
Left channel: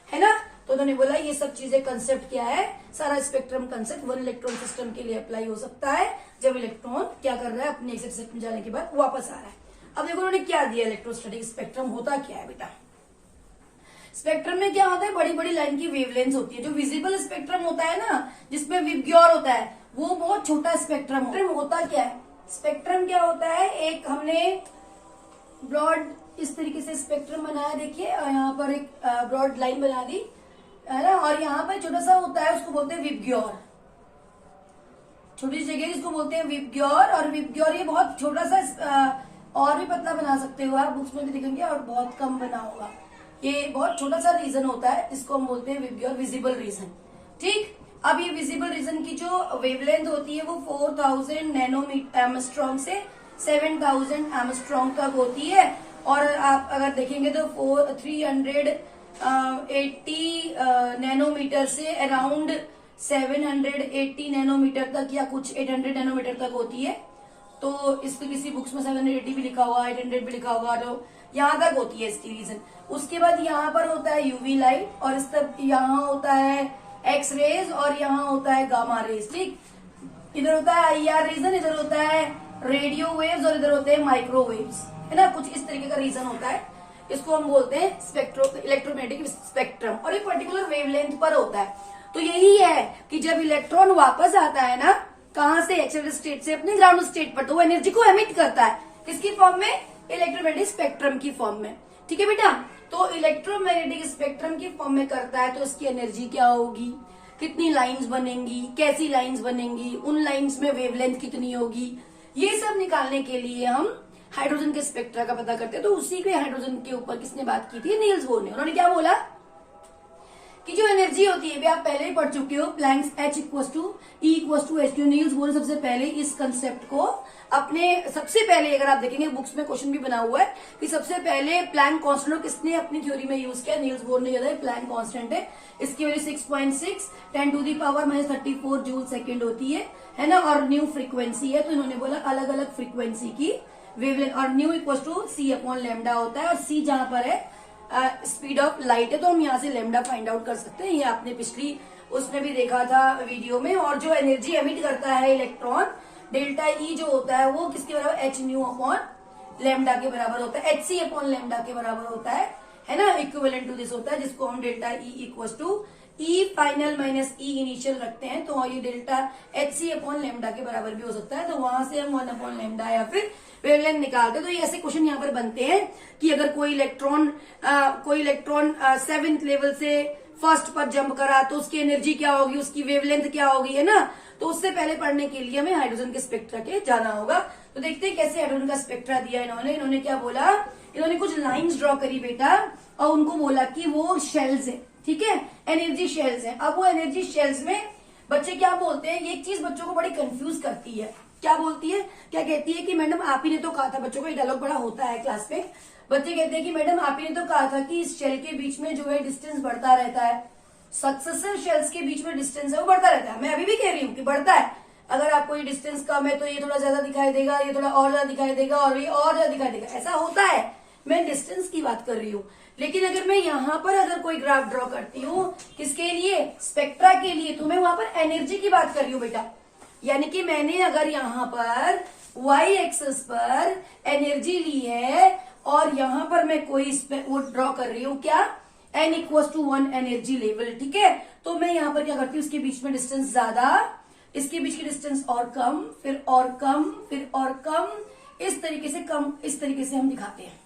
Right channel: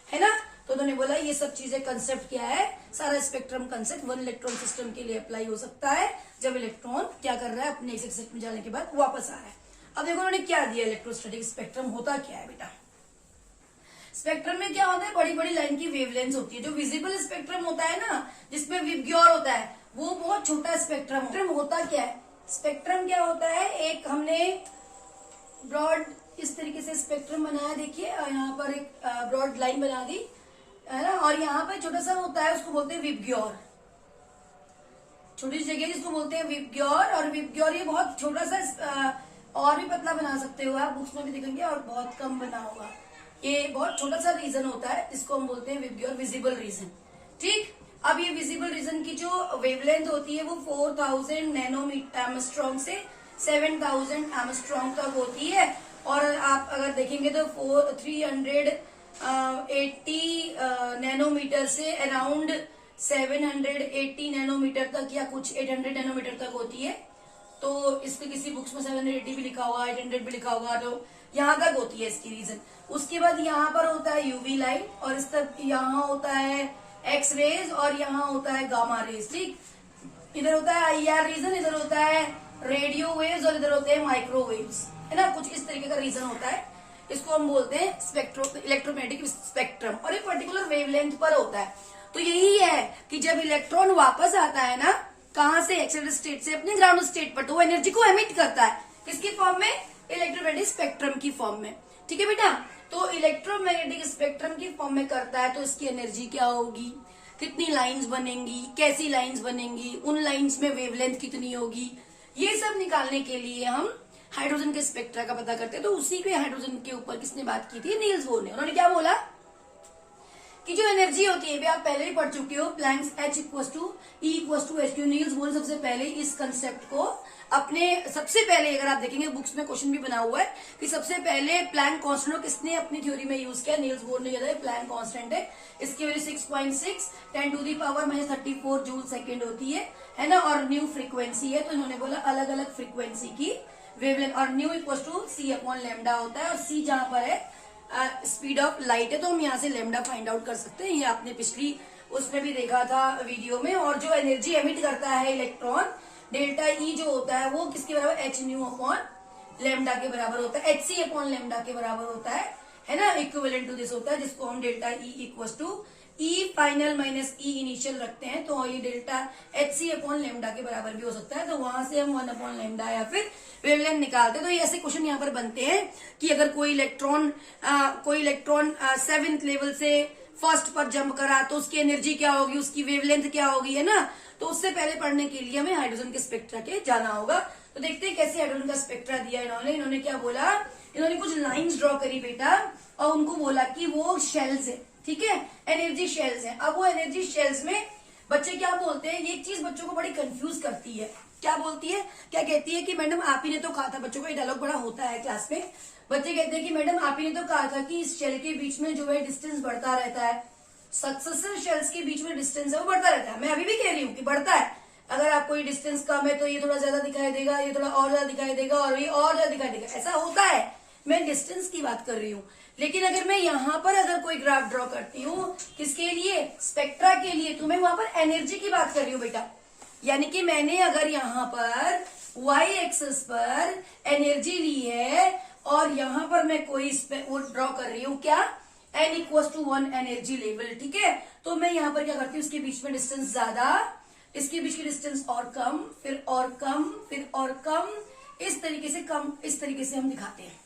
है ना। तो उन्होंने बोला ये सब चीजें, कंसेप्ट क्या है, सारा spectrum concept one electron system के लिए अप्लाई हो सकता है, जब इलेक्ट्रॉन क्या कर रहा है, अपने एक्सिट सेट में जाने के बाद वापस आ रहा है। अब देखो उन्होंने क्या दिया, इलेक्ट्रोस्टैटिक स्पेक्ट्रम होता क्या है बेटा। स्पेक्ट्रम में क्या होता है, बड़ी बड़ी लाइन की वेवलेंथ होती है। जो विजिबल स्पेक्ट्रम होता है ना, जिसमें विबग्योर होता है, वो बहुत छोटा स्पेक्ट्रम होता क्या है, स्पेक्ट्रम क्या होता है, एक हमने ब्रॉड इस तरीके से स्पेक्ट्रम बनाया, देखिए यहाँ पर एक ब्रॉड लाइन बना दी, है ना, और यहाँ पर छोटा सा होता है, उसको बोलते हैं विबग्योर, छोटी सी जगह जिसको बोलते हैं विबग्योर। और विबग्योर ये बहुत छोटा सा, और भी पतला बना सकते हो आप, उसमें भी दिखेंगे, और बहुत कम बना होगा, ये बहुत छोटा सा रीजन होता है, इसको हम बोलते हैं विबग्योर, विजिबल रीजन। ठीक, अब ये विजिबल रीजन की जो वेवलेंथ होती है वो 4000 नैनोमीटर एमस्ट्रॉन्ग से 7000 एमस्ट्रॉन्ग तक होती है, और आप अगर देखेंगे तो 380 नैनोमीटर से अराउंड 780 नैनोमीटर तक, या कुछ 800 नैनोमीटर तक होती है। तो इसको किसी बुक्स में 780 भी लिखा हुआ, 800 भी लिखा होगा, तो यहाँ तक होती है इसकी रीजन। उसके बाद यहाँ पर होता है यूवी लाइट, और इस तक यहाँ होता है एक्स रेज, और यहाँ होता है गामा रेज। ठीक, इधर होता है IR रीजन, इधर होता है रेडियो वेव्स, और इधर होते हैं माइक्रोवेव्स, है ना, कुछ इस तरीके का रीजन होता है। इसको हम बोलते हैं इलेक्ट्रोमैग्नेटिक स्पेक्ट्रम, और एक पर्टिकुलर वेवलेंथ पर होता है। तो यही है कि जब इलेक्ट्रॉन वापस आता है ना, कहां से, एक्सिलरी स्टेट से अपने ग्राउंड स्टेट पर, तो वो एनर्जी को एमिट करता है, किसकी फॉर्म में, इलेक्ट्रोमैग्नेटिक स्पेक्ट्रम की फॉर्म में। ठीक है बेटा, तो इलेक्ट्रोमैग्नेटिक स्पेक्ट्रम की फॉर्म में करता है, तो इसकी एनर्जी क्या होगी, कितनी लाइंस बनेंगी, कैसी लाइंस बनेंगी, उन लाइंस में वेवलेंथ कितनी होगी, ये सब निकालने के लिए हम हाइड्रोजन के स्पेक्ट्रा का पता करते हैं। तो उसी के हाइड्रोजन के ऊपर किसने बात की थी, नील्स बोर ने। उन्होंने क्या बोला कि जो एनर्जी होती है, भी आप पहले ही पढ़ चुके हो, Planck's H = E = H2। Niels Bohr ने सबसे पहले इस कंसेप्ट को अपने, सबसे पहले अगर आप देखेंगे बुक्स में क्वेश्चन भी बना हुआ है कि सबसे पहले प्लैंक कांस्टेंट किसने अपनी थ्योरी में यूज किया, नील्स बोर ने किया था। प्लैंक कांस्टेंट है, इसकी वैल्यू 6.6 10⁻⁻34 जूल सेकेंड होती है ना, और न्यू फ्रीक्वेंसी है। तो इन्होंने बोला अलग अलग फ्रीक्वेंसी की वेवलेंथ, और न्यू = C/λ होता है, और C जहां पर है स्पीड ऑफ लाइट है, तो हम यहाँ से लैम्डा फाइंड आउट कर सकते हैं। ये आपने पिछली उसमें भी देखा था वीडियो में। और जो एनर्जी एमिट करता है इलेक्ट्रॉन, डेल्टा E जो होता है वो किसके बराबर, hν/λ के बराबर होता है, hc/λ के बराबर होता है ना, इक्विवेलेंट टू दिस होता है, जिसको हम delta E E final minus E initial रखते हैं, तो ये डेल्टा hc/λ के बराबर भी हो सकता है। तो वहां से हम 1/λ या फिर वेवलेंथ निकालते हैं। तो ये ऐसे क्वेश्चन यहाँ पर बनते हैं कि अगर कोई इलेक्ट्रॉन 7th लेवल से 1st पर जंप करा तो उसकी एनर्जी क्या होगी, उसकी वेवलेंथ क्या होगी, है ना। तो उससे पहले पढ़ने के लिए हमें हाइड्रोजन के स्पेक्ट्रा के जाना होगा। तो देखते हैं कैसे हाइड्रोजन का स्पेक्ट्रा दिया इन्होंने क्या बोला, इन्होंने कुछ लाइंस ड्रॉ करी बेटा, और उनको बोला कि वो शेल्स है, ठीक है, एनर्जी शेल्स है। अब वो एनर्जी शेल्स में बच्चे क्या बोलते हैं, ये एक चीज बच्चों को बड़ी कंफ्यूज करती है। क्या बोलती है, क्या कहती है कि मैडम आप ही ने तो कहा था, बच्चों का एक डायलॉग बड़ा होता है क्लास में, बच्चे कहते हैं कि मैडम आप ही ने तो कहा था कि इस शेल के बीच में जो है डिस्टेंस बढ़ता रहता है, सक्सेसिव शेल्स के बीच में डिस्टेंस है वो बढ़ता रहता है। मैं अभी भी कह रही हूँ कि बढ़ता है, अगर आपको ये डिस्टेंस कम है तो ये थोड़ा ज्यादा दिखाई देगा, ये थोड़ा और ज्यादा दिखाई देगा, और ये और ज्यादा दिखाई देगा, ऐसा होता है। मैं डिस्टेंस की बात कर रही हूँ। लेकिन अगर मैं यहाँ पर अगर कोई ग्राफ ड्रॉ करती हूँ, किसके लिए, स्पेक्ट्रा के लिए, तो मैं वहां पर एनर्जी की बात कर रही हूँ बेटा। यानी कि मैंने अगर यहाँ पर y एक्सिस पर एनर्जी ली है और यहाँ पर मैं कोई इस पे वो ड्रॉ कर रही हूँ क्या, n equal to 1 energy level, ठीक है। तो मैं यहाँ पर क्या करती हूँ, इसके बीच में डिस्टेंस ज्यादा, इसके बीच की डिस्टेंस और कम, फिर और कम, फिर और कम, इस तरीके से कम, इस तरीके से हम दिखाते हैं।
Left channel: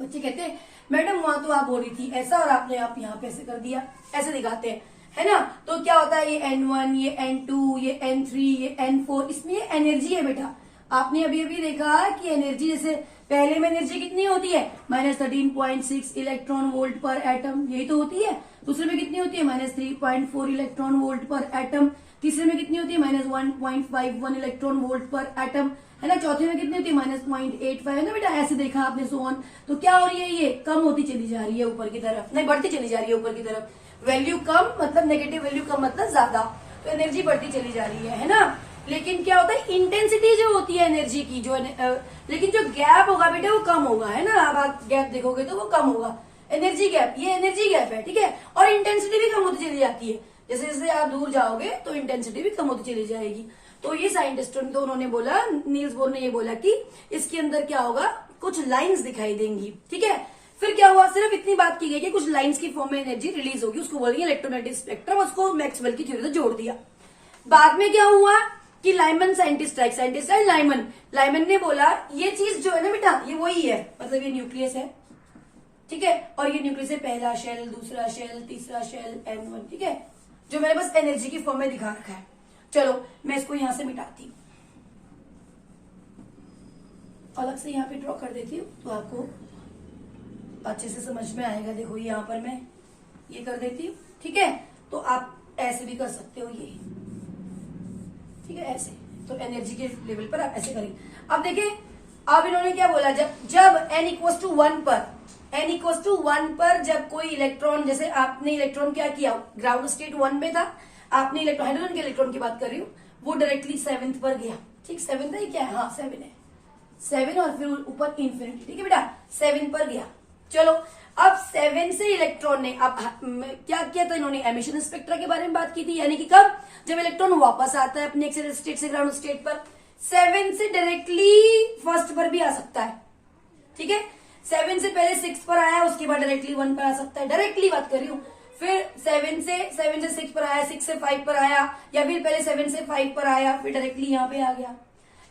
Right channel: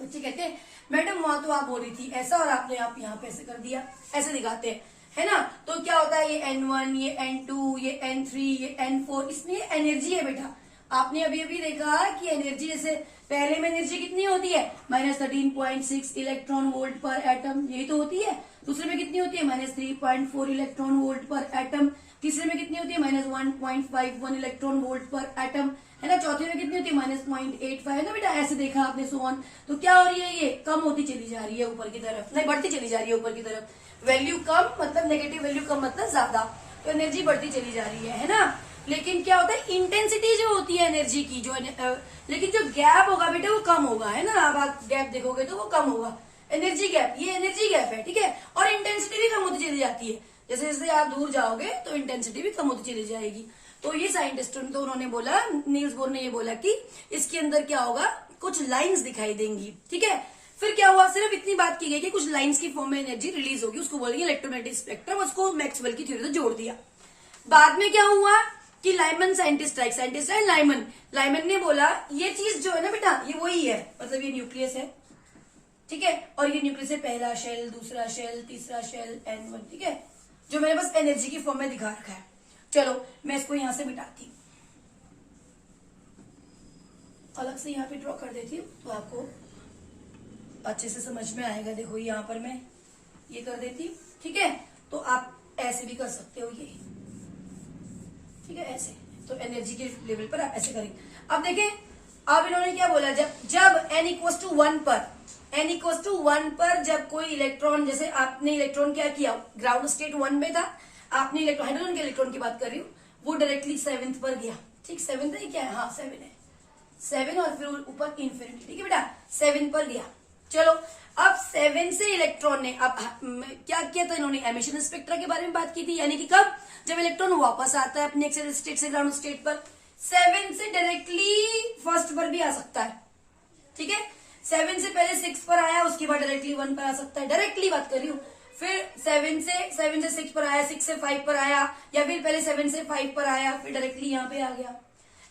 बच्चे कहते हैं मैडम वहां तो आप बोल रही थी ऐसा और आपने आप यहाँ पे ऐसे कर दिया, ऐसे दिखाते हैं, है ना। तो क्या होता है, ये N1, ये N2, ये N3, ये N4, इसमें एनर्जी है बेटा। आपने अभी अभी देखा कि एनर्जी, जैसे पहले में एनर्जी कितनी होती है, -13.6 इलेक्ट्रॉन वोल्ट पर एटम, यही तो होती है। दूसरे में कितनी होती है, -3.4 इलेक्ट्रॉन वोल्ट पर एटम। तीसरे में कितनी होती है, -1.51 इलेक्ट्रॉन वोल्ट पर एटम, है ना। चौथे में कितनी होती है, -0.85, है ना बेटा। ऐसे देखा आपने, सो ऑन। तो क्या हो रही है, ये कम होती चली जा रही है ऊपर की तरफ, नहीं बढ़ती चली जा रही है ऊपर की तरफ। वैल्यू कम मतलब नेगेटिव वैल्यू कम मतलब ज्यादा, तो एनर्जी बढ़ती चली जा रही है ना। लेकिन क्या होता है, इंटेंसिटी जो होती है एनर्जी की, जो लेकिन जो गैप होगा बेटा वो कम होगा, है ना। अब आप गैप देखोगे तो वो कम होगा, एनर्जी गैप, ये एनर्जी गैप है, ठीक है। और इंटेंसिटी भी कम होती चली जाती है, जैसे जैसे आप दूर जाओगे तो इंटेंसिटी भी कम होती चली जाएगी। तो ये साइंटिस्टों ने, तो उन्होंने बोला, नील्स बोर ने ये बोला कि इसके अंदर क्या होगा, कुछ लाइंस दिखाई देंगी, ठीक है। फिर क्या हुआ, सिर्फ इतनी बात की गई कि कुछ लाइंस की फॉर्म में एनर्जी रिलीज होगी, उसको बोलेंगे इलेक्ट्रोमैग्नेटिक स्पेक्ट्रम, उसको मैक्सवेल की थ्योरी से जोड़ दिया। बाद में क्या हुआ कि लाइमन साइंटिस्ट है लाइमन ने बोला ये चीज जो है ना बेटा, ये वही है, मतलब ये न्यूक्लियस है, ठीक है। और ये न्यूक्लियस है, पहला शेल, दूसरा शेल, तीसरा शेल, N1, ठीक है, जो मैंने बस एनर्जी की फॉर्म में दिखा रखा है। चलो मैं इसको यहां से मिटाती हूँ, अलग से यहाँ पे ड्रॉ कर देती हूँ तो आपको अच्छे से समझ में आएगा। देखो यहाँ पर मैं ये कर देती हूँ, ठीक है। तो आप ऐसे भी कर सकते हो, ये ठीक है, ऐसे। तो एनर्जी के लेवल पर आप ऐसे करेंगे। अब देखें, अब इन्होंने क्या बोला, जब n इक्वल टू 1 पर जब कोई इलेक्ट्रॉन, जैसे आपने इलेक्ट्रॉन क्या किया, ग्राउंड स्टेट 1 में था, आपने इलेक्ट्रॉन, हाइड्रोजन के इलेक्ट्रॉन की बात कर रही हूँ, वो डायरेक्टली 7th पर गया, ठीक, 7th है क्या, हाँ 7 है, 7 और फिर ऊपर इन्फिनिटी, ठीक है बेटा, 7 पर गया। चलो अब 7 से इलेक्ट्रॉन ने अब क्या किया था, इन्होंने एमिशन स्पेक्ट्रा के बारे में बात की थी, यानी कि कब, जब इलेक्ट्रॉन वापस आता है अपने एक्सियल स्टेट से ग्राउंड स्टेट पर, 7 से डायरेक्टली फर्स्ट पर भी आ सकता है, ठीक है। 7 से पहले 6 पर आया, उसके बाद डायरेक्टली 1 पर आ सकता है, डायरेक्टली बात कर रही हूँ। फिर 7 से 6 पर आया, 6 से 5 पर आया, या फिर पहले 7 से 5 पर आया फिर डायरेक्टली यहाँ पे आ गया,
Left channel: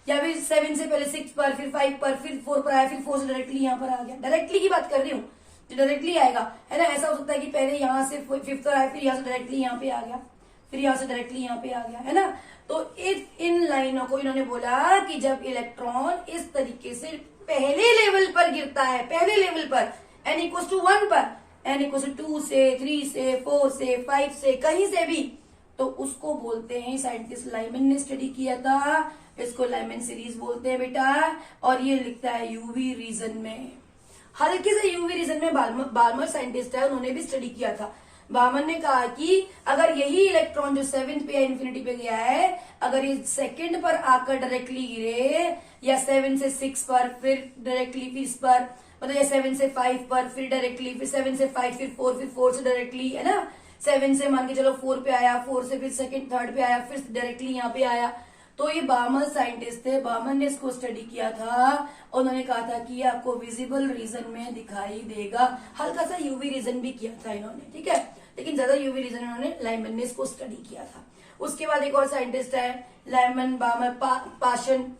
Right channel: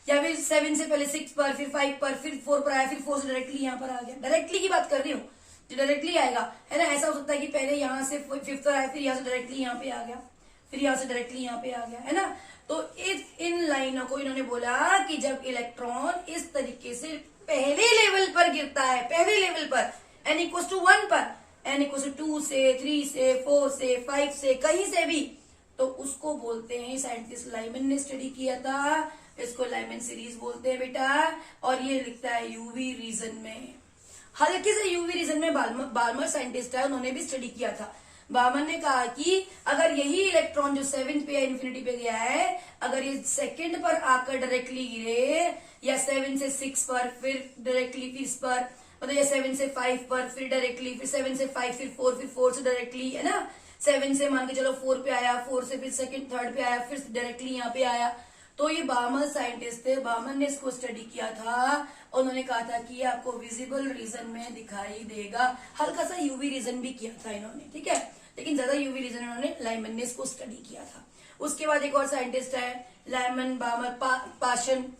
या फिर 7 से पहले 6 पर, फिर 5 पर, फिर 4 पर आया, फिर 4 से डायरेक्टली यहाँ पर आ गया। डायरेक्टली की बात कर रही हूँ, जो डायरेक्टली आएगा, है ना। ऐसा हो सकता है कि पहले यहाँ से 5th पर आया, फिर यहाँ से डायरेक्टली यहाँ पे आ गया, फिर यहाँ से डायरेक्टली यहाँ पे आ गया, है ना। तो इन लाइनों को इन्होंने बोला कि जब इलेक्ट्रॉन इस तरीके से पहले लेवल पर गिरता है, पहले लेवल पर n इक्वल टू 1 पर, n इक्वल टू 2 से, 3 से, 4 से, 5 से, कहीं से भी, तो उसको बोलते हैं, साइंटिस्ट लाइमन ने स्टडी किया था, इसको लाइमन सीरीज बोलते हैं बेटा। और ये लिखता है यूवी रीजन में, हल्के से यूवी रीजन में। बार्मर साइंटिस्ट है, उन्होंने भी स्टडी किया था। बार्मर ने कहा कि अगर यही इलेक्ट्रॉन जो 7th पे या इन्फिनिटी पे गया है, अगर ये 2nd पर आकर डायरेक्टली गिरे, या 7 से 6 पर, फिर डायरेक्टली फिर इस पर, मतलब ये 7 से 5 पर, फिर डायरेक्टली, फिर 7 से 5, फिर 4, फिर 4 से डायरेक्टली, है ना। 7 से मान के चलो 4 पे आया, 4 से फिर 2nd 3rd पे आया, फिर डायरेक्टली यहाँ पे आया। तो ये बार्मर साइंटिस्ट थे, बार्मर ने इसको स्टडी किया था, उन्होंने कहा था कि ये आपको विजिबल रीजन में दिखाई देगा। हल्का सा यूवी रीजन भी किया था इन्होंने, ठीक है, लेकिन ज्यादा यूवी रीजन इन्होंने, लाइमन ने इसको स्टडी किया था। उसके बाद एक और साइंटिस्ट है, लाइमन, बार्मर, पाशन,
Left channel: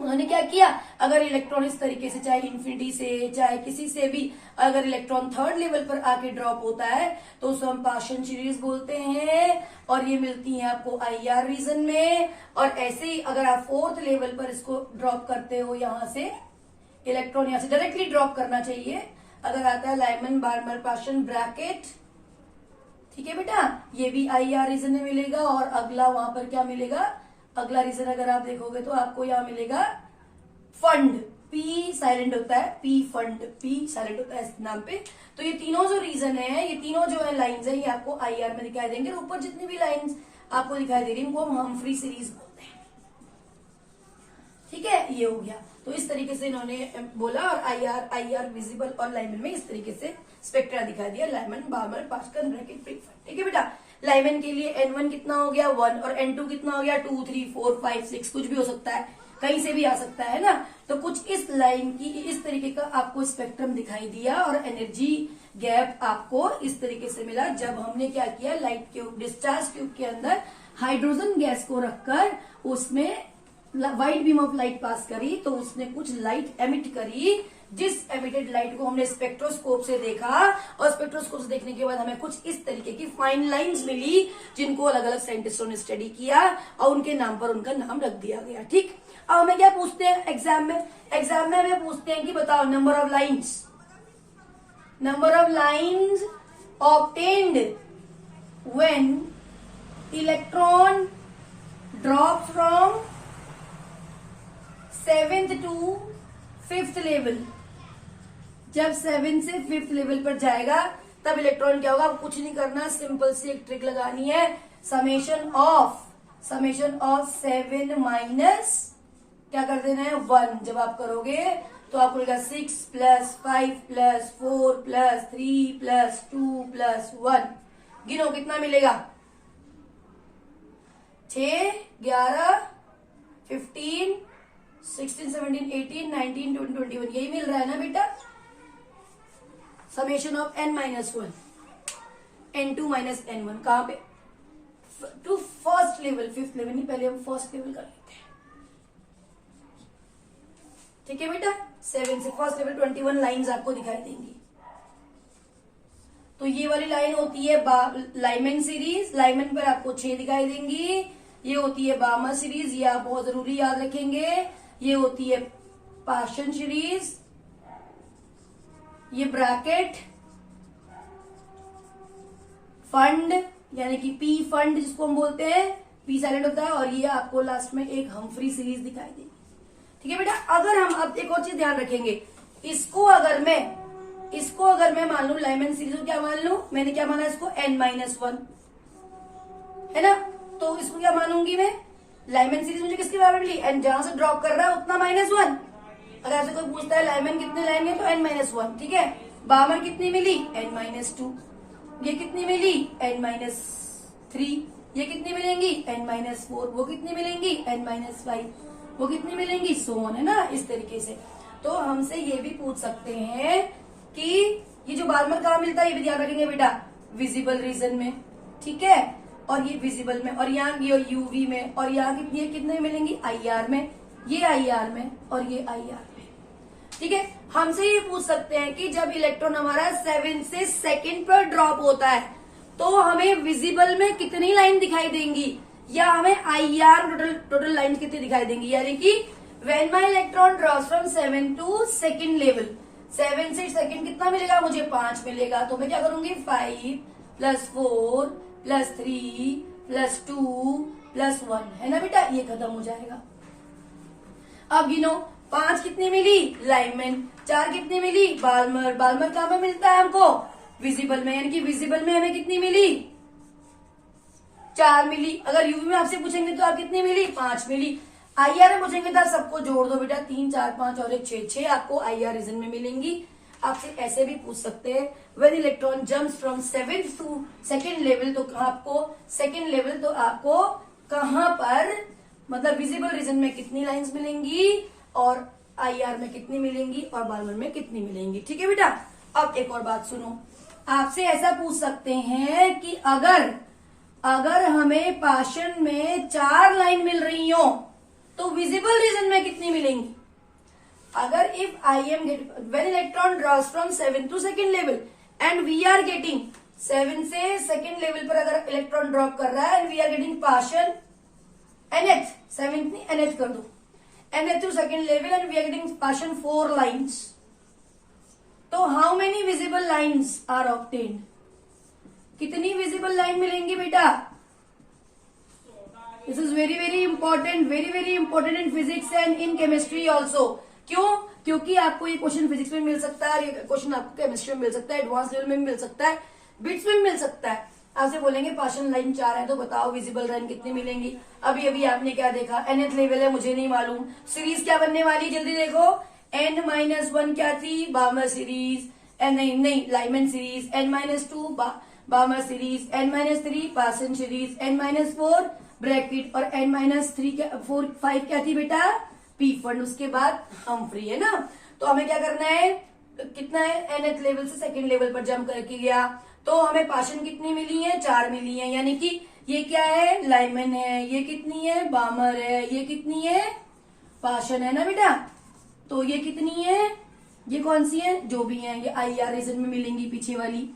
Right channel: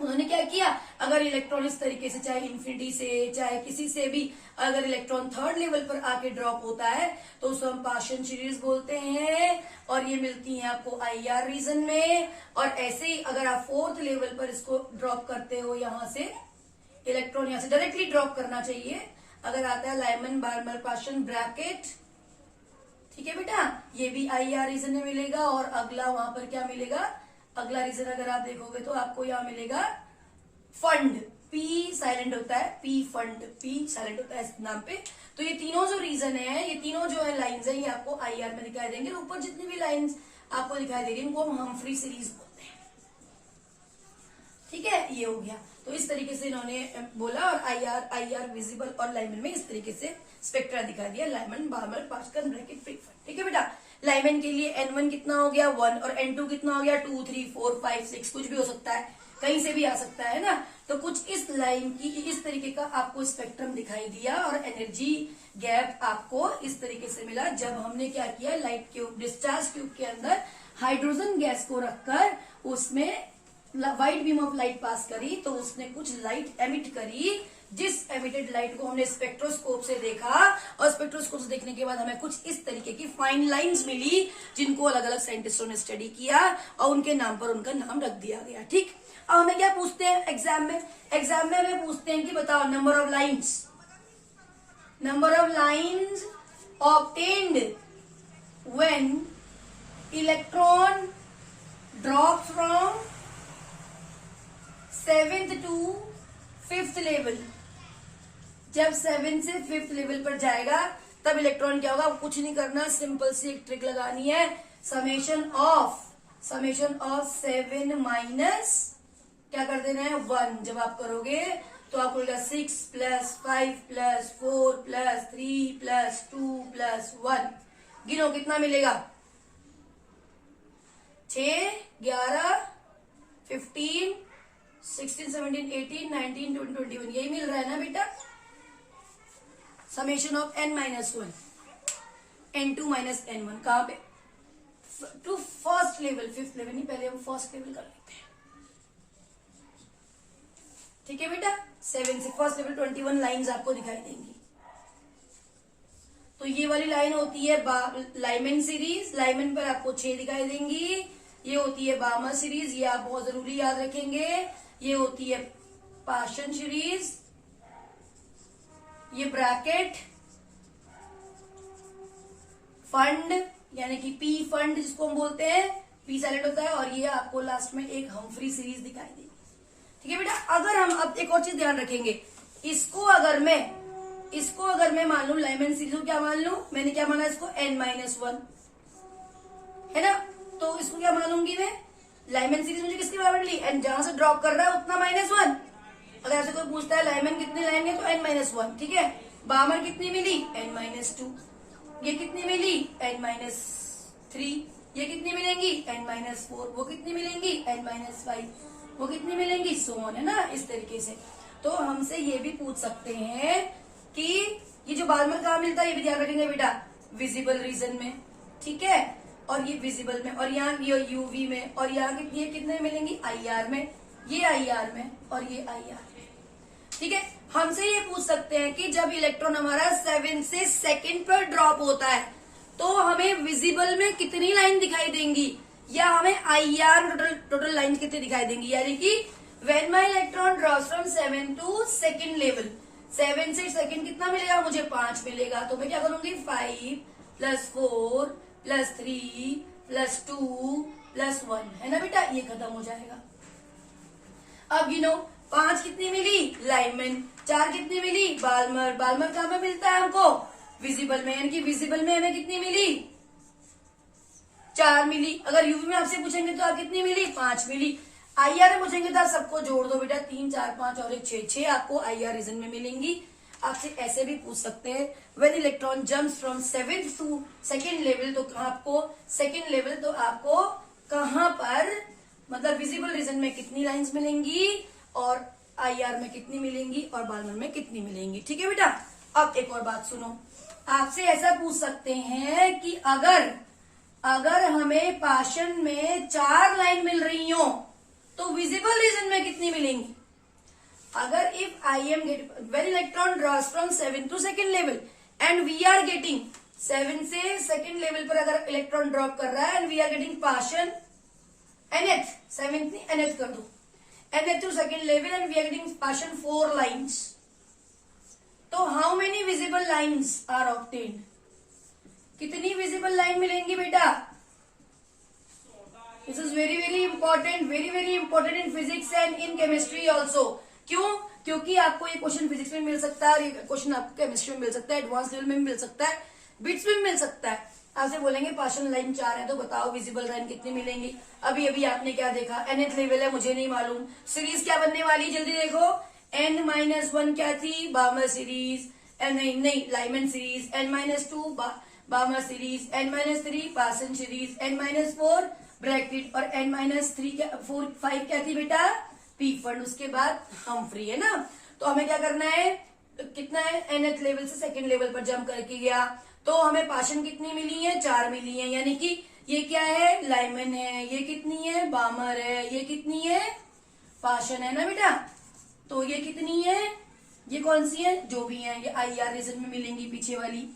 उन्होंने क्या किया, अगर इलेक्ट्रॉन इस तरीके से, चाहे इन्फिनिटी से, चाहे किसी से भी, अगर इलेक्ट्रॉन 3rd लेवल पर आके ड्रॉप होता है तो उसको हम पाशन सीरीज बोलते हैं, और ये मिलती है आपको IR रीजन में। और ऐसे ही अगर आप 4th लेवल पर इसको ड्रॉप करते हो, यहां से इलेक्ट्रॉन यहां से डायरेक्टली ड्रॉप करना चाहिए, अगर आता है लाइमन, बार्मर, पाशन, ब्रैकेट, ठीक है बेटा, ये भी IR रीजन में मिलेगा। और अगला वहां पर क्या मिलेगा, अगला रीजन अगर आप देखोगे तो आपको यहाँ मिलेगा फंड, P साइलेंट होता है, P फंड, P साइलेंट होता है इस नाम पे। तो ये तीनों जो रीजन है, ये तीनों जो है लाइंस है, ये आपको IR में दिखाई देंगे। ऊपर जितनी भी लाइंस आपको दिखाई दे रही है, इनको हम हम्फ्री सीरीज बोलते हैं, ठीक है। ये हो गया, तो इस तरीके से इन्होंने बोला। और IR विजिबल और लाइमन में इस तरीके से स्पेक्ट्रा दिखा दिया, लाइमन, बार्मर, पास्कल, ब्रैकेट, प्रीफंड, ठीक है बेटा। लाइमन के लिए N1 कितना हो गया 1, और N2 कितना हो गया 2, 3, 4, 5, 6, कुछ भी हो सकता है, कहीं से भी आ सकता है ना। तो तो कुछ इस लाइन की इस तरीके का आपको स्पेक्ट्रम दिखाई दिया और एनर्जी गैप आपको इस तरीके से मिला जब हमने क्या किया, लाइट ट्यूब डिस्चार्ज ट्यूब के अंदर हाइड्रोजन गैस को रखकर उसमें white beam of light pass करी तो उसने कुछ लाइट एमिट करी, जिस एमिटेड लाइट को हमने स्पेक्ट्रोस्कोप से देखा और स्पेक्ट्रोस्कोप से देखने के बाद हमें कुछ इस तरीके की फाइन लाइंस मिली जिनको अलग अलग साइंटिस्टों ने स्टडी किया और उनके नाम पर उनका नाम रख दिया गया। ठीक, अब हमें क्या पूछते हैं एग्जाम में हमें पूछते हैं कि बताओ number of lines obtained when electron drop from 7th to 5th level. जब 7 से 5th लेवल पर जाएगा तब इलेक्ट्रॉन क्या होगा, कुछ नहीं करना, सिंपल सी एक ट्रिक लगानी है, समेशन ऑफ 7 माइनस क्या कर देना है 1। जब आप करोगे तो आपको मिलेगा 6 + 5 + 4 + 3 + 2 + 1। गिनो कितना मिलेगा, 6, 11, 15, 16, 17, 18, 19, 20, 21 यही मिल रहा है ना बेटा। Summation of n-1 n2 - n1 कहां पे, to first level, 5th level नहीं, पहले हम फर्स्ट लेवल कर लेते हैं। ठीक है बेटा, 7 से फर्स्ट लेवल 21 लाइंस आपको दिखाई देंगी। तो ये वाली लाइन होती है लाइमन सीरीज, लाइमन पर आपको 6 दिखाई देंगी। ये होती है बार्मर सीरीज, ये आप बहुत जरूरी याद रखेंगे। ये होती है पाशन सीरीज, ये ब्रैकेट फंड यानी कि पी फंड जिसको हम बोलते हैं, पी साइलेंट होता है, और ये आपको लास्ट में एक हम्फ्री सीरीज दिखाई देगी। ठीक है बेटा, अगर हम अब एक और चीज ध्यान रखेंगे, इसको अगर मैं मान लू लाइमन सीरीज को, क्या मान लू, मैंने क्या माना इसको n-1 है ना, तो इसको क्या मानूंगी मैं, लाइमन सीरीज मुझे किसके बराबर मिली, एन जहां से ड्रॉप कर रहा है उतना -1। अगर ऐसे कोई पूछता है लाइमन कितने लाइन है तो n-1। ठीक है, बार्मर कितनी मिली n-2, ये कितनी मिली n-3, ये कितनी मिलेंगी n-4, वो कितनी मिलेंगी n-5, वो कितनी मिलेंगी, सो ऑन, है ना, इस तरीके से। तो हमसे ये भी पूछ सकते हैं कि ये जो बार्मर कहाँ मिलता है, ये भी ध्यान रखेंगे बेटा, विजिबल रीजन में। ठीक है, और ये विजिबल में, और यहाँ ये यूवी में, और यहाँ कितने मिलेंगी IR में, ये IR में और ये IR में। ठीक है, हमसे ये पूछ सकते हैं कि जब इलेक्ट्रॉन हमारा 7 से 2nd पर ड्रॉप होता है तो हमें विजिबल में कितनी लाइन दिखाई देंगी, या हमें IR टोटल लाइन कितनी दिखाई देंगी, यानी कि when my electron drops from 7 to 2nd level, 7 से 2nd कितना मिलेगा मुझे, 5 मिलेगा। तो मैं क्या करूंगी, 5 + 4 + 3 + 2 + 1, है ना बेटा, ये खत्म हो जाएगा। अब गिनो, 5 कितनी मिली लाइमन, 4 कितनी मिली बार्मर, बार्मर कहाँ में मिलता है हमको, विजिबल में, यानी कि विजिबल में हमें कितनी मिली, 4 मिली। अगर यूवी में आपसे पूछेंगे तो आप कितनी मिली, 5 मिली। IR में पूछेंगे तो आप सबको जोड़ दो बेटा, 3, 4, 5 और 1, 6 आपको IR रीजन में मिलेंगी। आपसे ऐसे भी पूछ सकते हैं, when electron jumps from 7th to 2nd level, तो आपको 2nd लेवल तो आपको कहां पर, मतलब विजिबल रीजन में कितनी लाइंस मिलेंगी और IR में कितनी मिलेंगी और बार्मर में कितनी मिलेंगी। ठीक है बेटा, अब एक और बात सुनो, आपसे ऐसा पूछ सकते हैं कि अगर हमें पाशन में 4 लाइन मिल रही हो तो विजिबल रीजन में कितनी मिलेंगी। अगर if I am getting when electron draws from 7 to 2nd level and we are getting 7 से 2nd लेवल पर अगर इलेक्ट्रॉन ड्रॉप कर रहा है and we are getting Paschen nth, 7th नहीं nth कर दो, nth to 2nd level and we are getting Paschen 4 lines, तो how many visible lines are obtained, कितनी विजिबल लाइन मिलेंगी बेटा। This is very very important in physics and in chemistry also. क्यों, क्योंकि आपको ये क्वेश्चन फिजिक्स में मिल सकता है और ये क्वेश्चन आपको केमिस्ट्री में मिल सकता है, एडवांस लेवल में भी मिल सकता है, बिट्स में भी मिल सकता है। आपसे बोलेंगे पाशन लाइन 4 है तो बताओ विजिबल लाइन कितनी मिलेंगी। अभी आपने क्या देखा, nth लेवल है, मुझे नहीं मालूम। सीरीज क्या बनने वाली, जल्दी देखो, n-1 क्या थी, बार्मर सीरीज, नहीं Lyman series, n-2 Barmer series, n-3 पासन सीरीज, n-4 ब्रैकेट और n-3 5 क्या थी बेटा, पी फंड, उसके बाद हम्फ्री, है ना। तो हमें क्या करना है, कितना है, nth लेवल से सेकंड लेवल पर जंप करके गया, तो हमें पाशन कितनी मिली है, 4 मिली है, यानी कि ये क्या है, लाइमन है, ये कितनी है, बामर है, ये कितनी है, पाशन है ना बेटा। तो ये कितनी है, ये कौन सी है, जो भी है, ये IR रीजन में मिलेंगी पीछे वाली,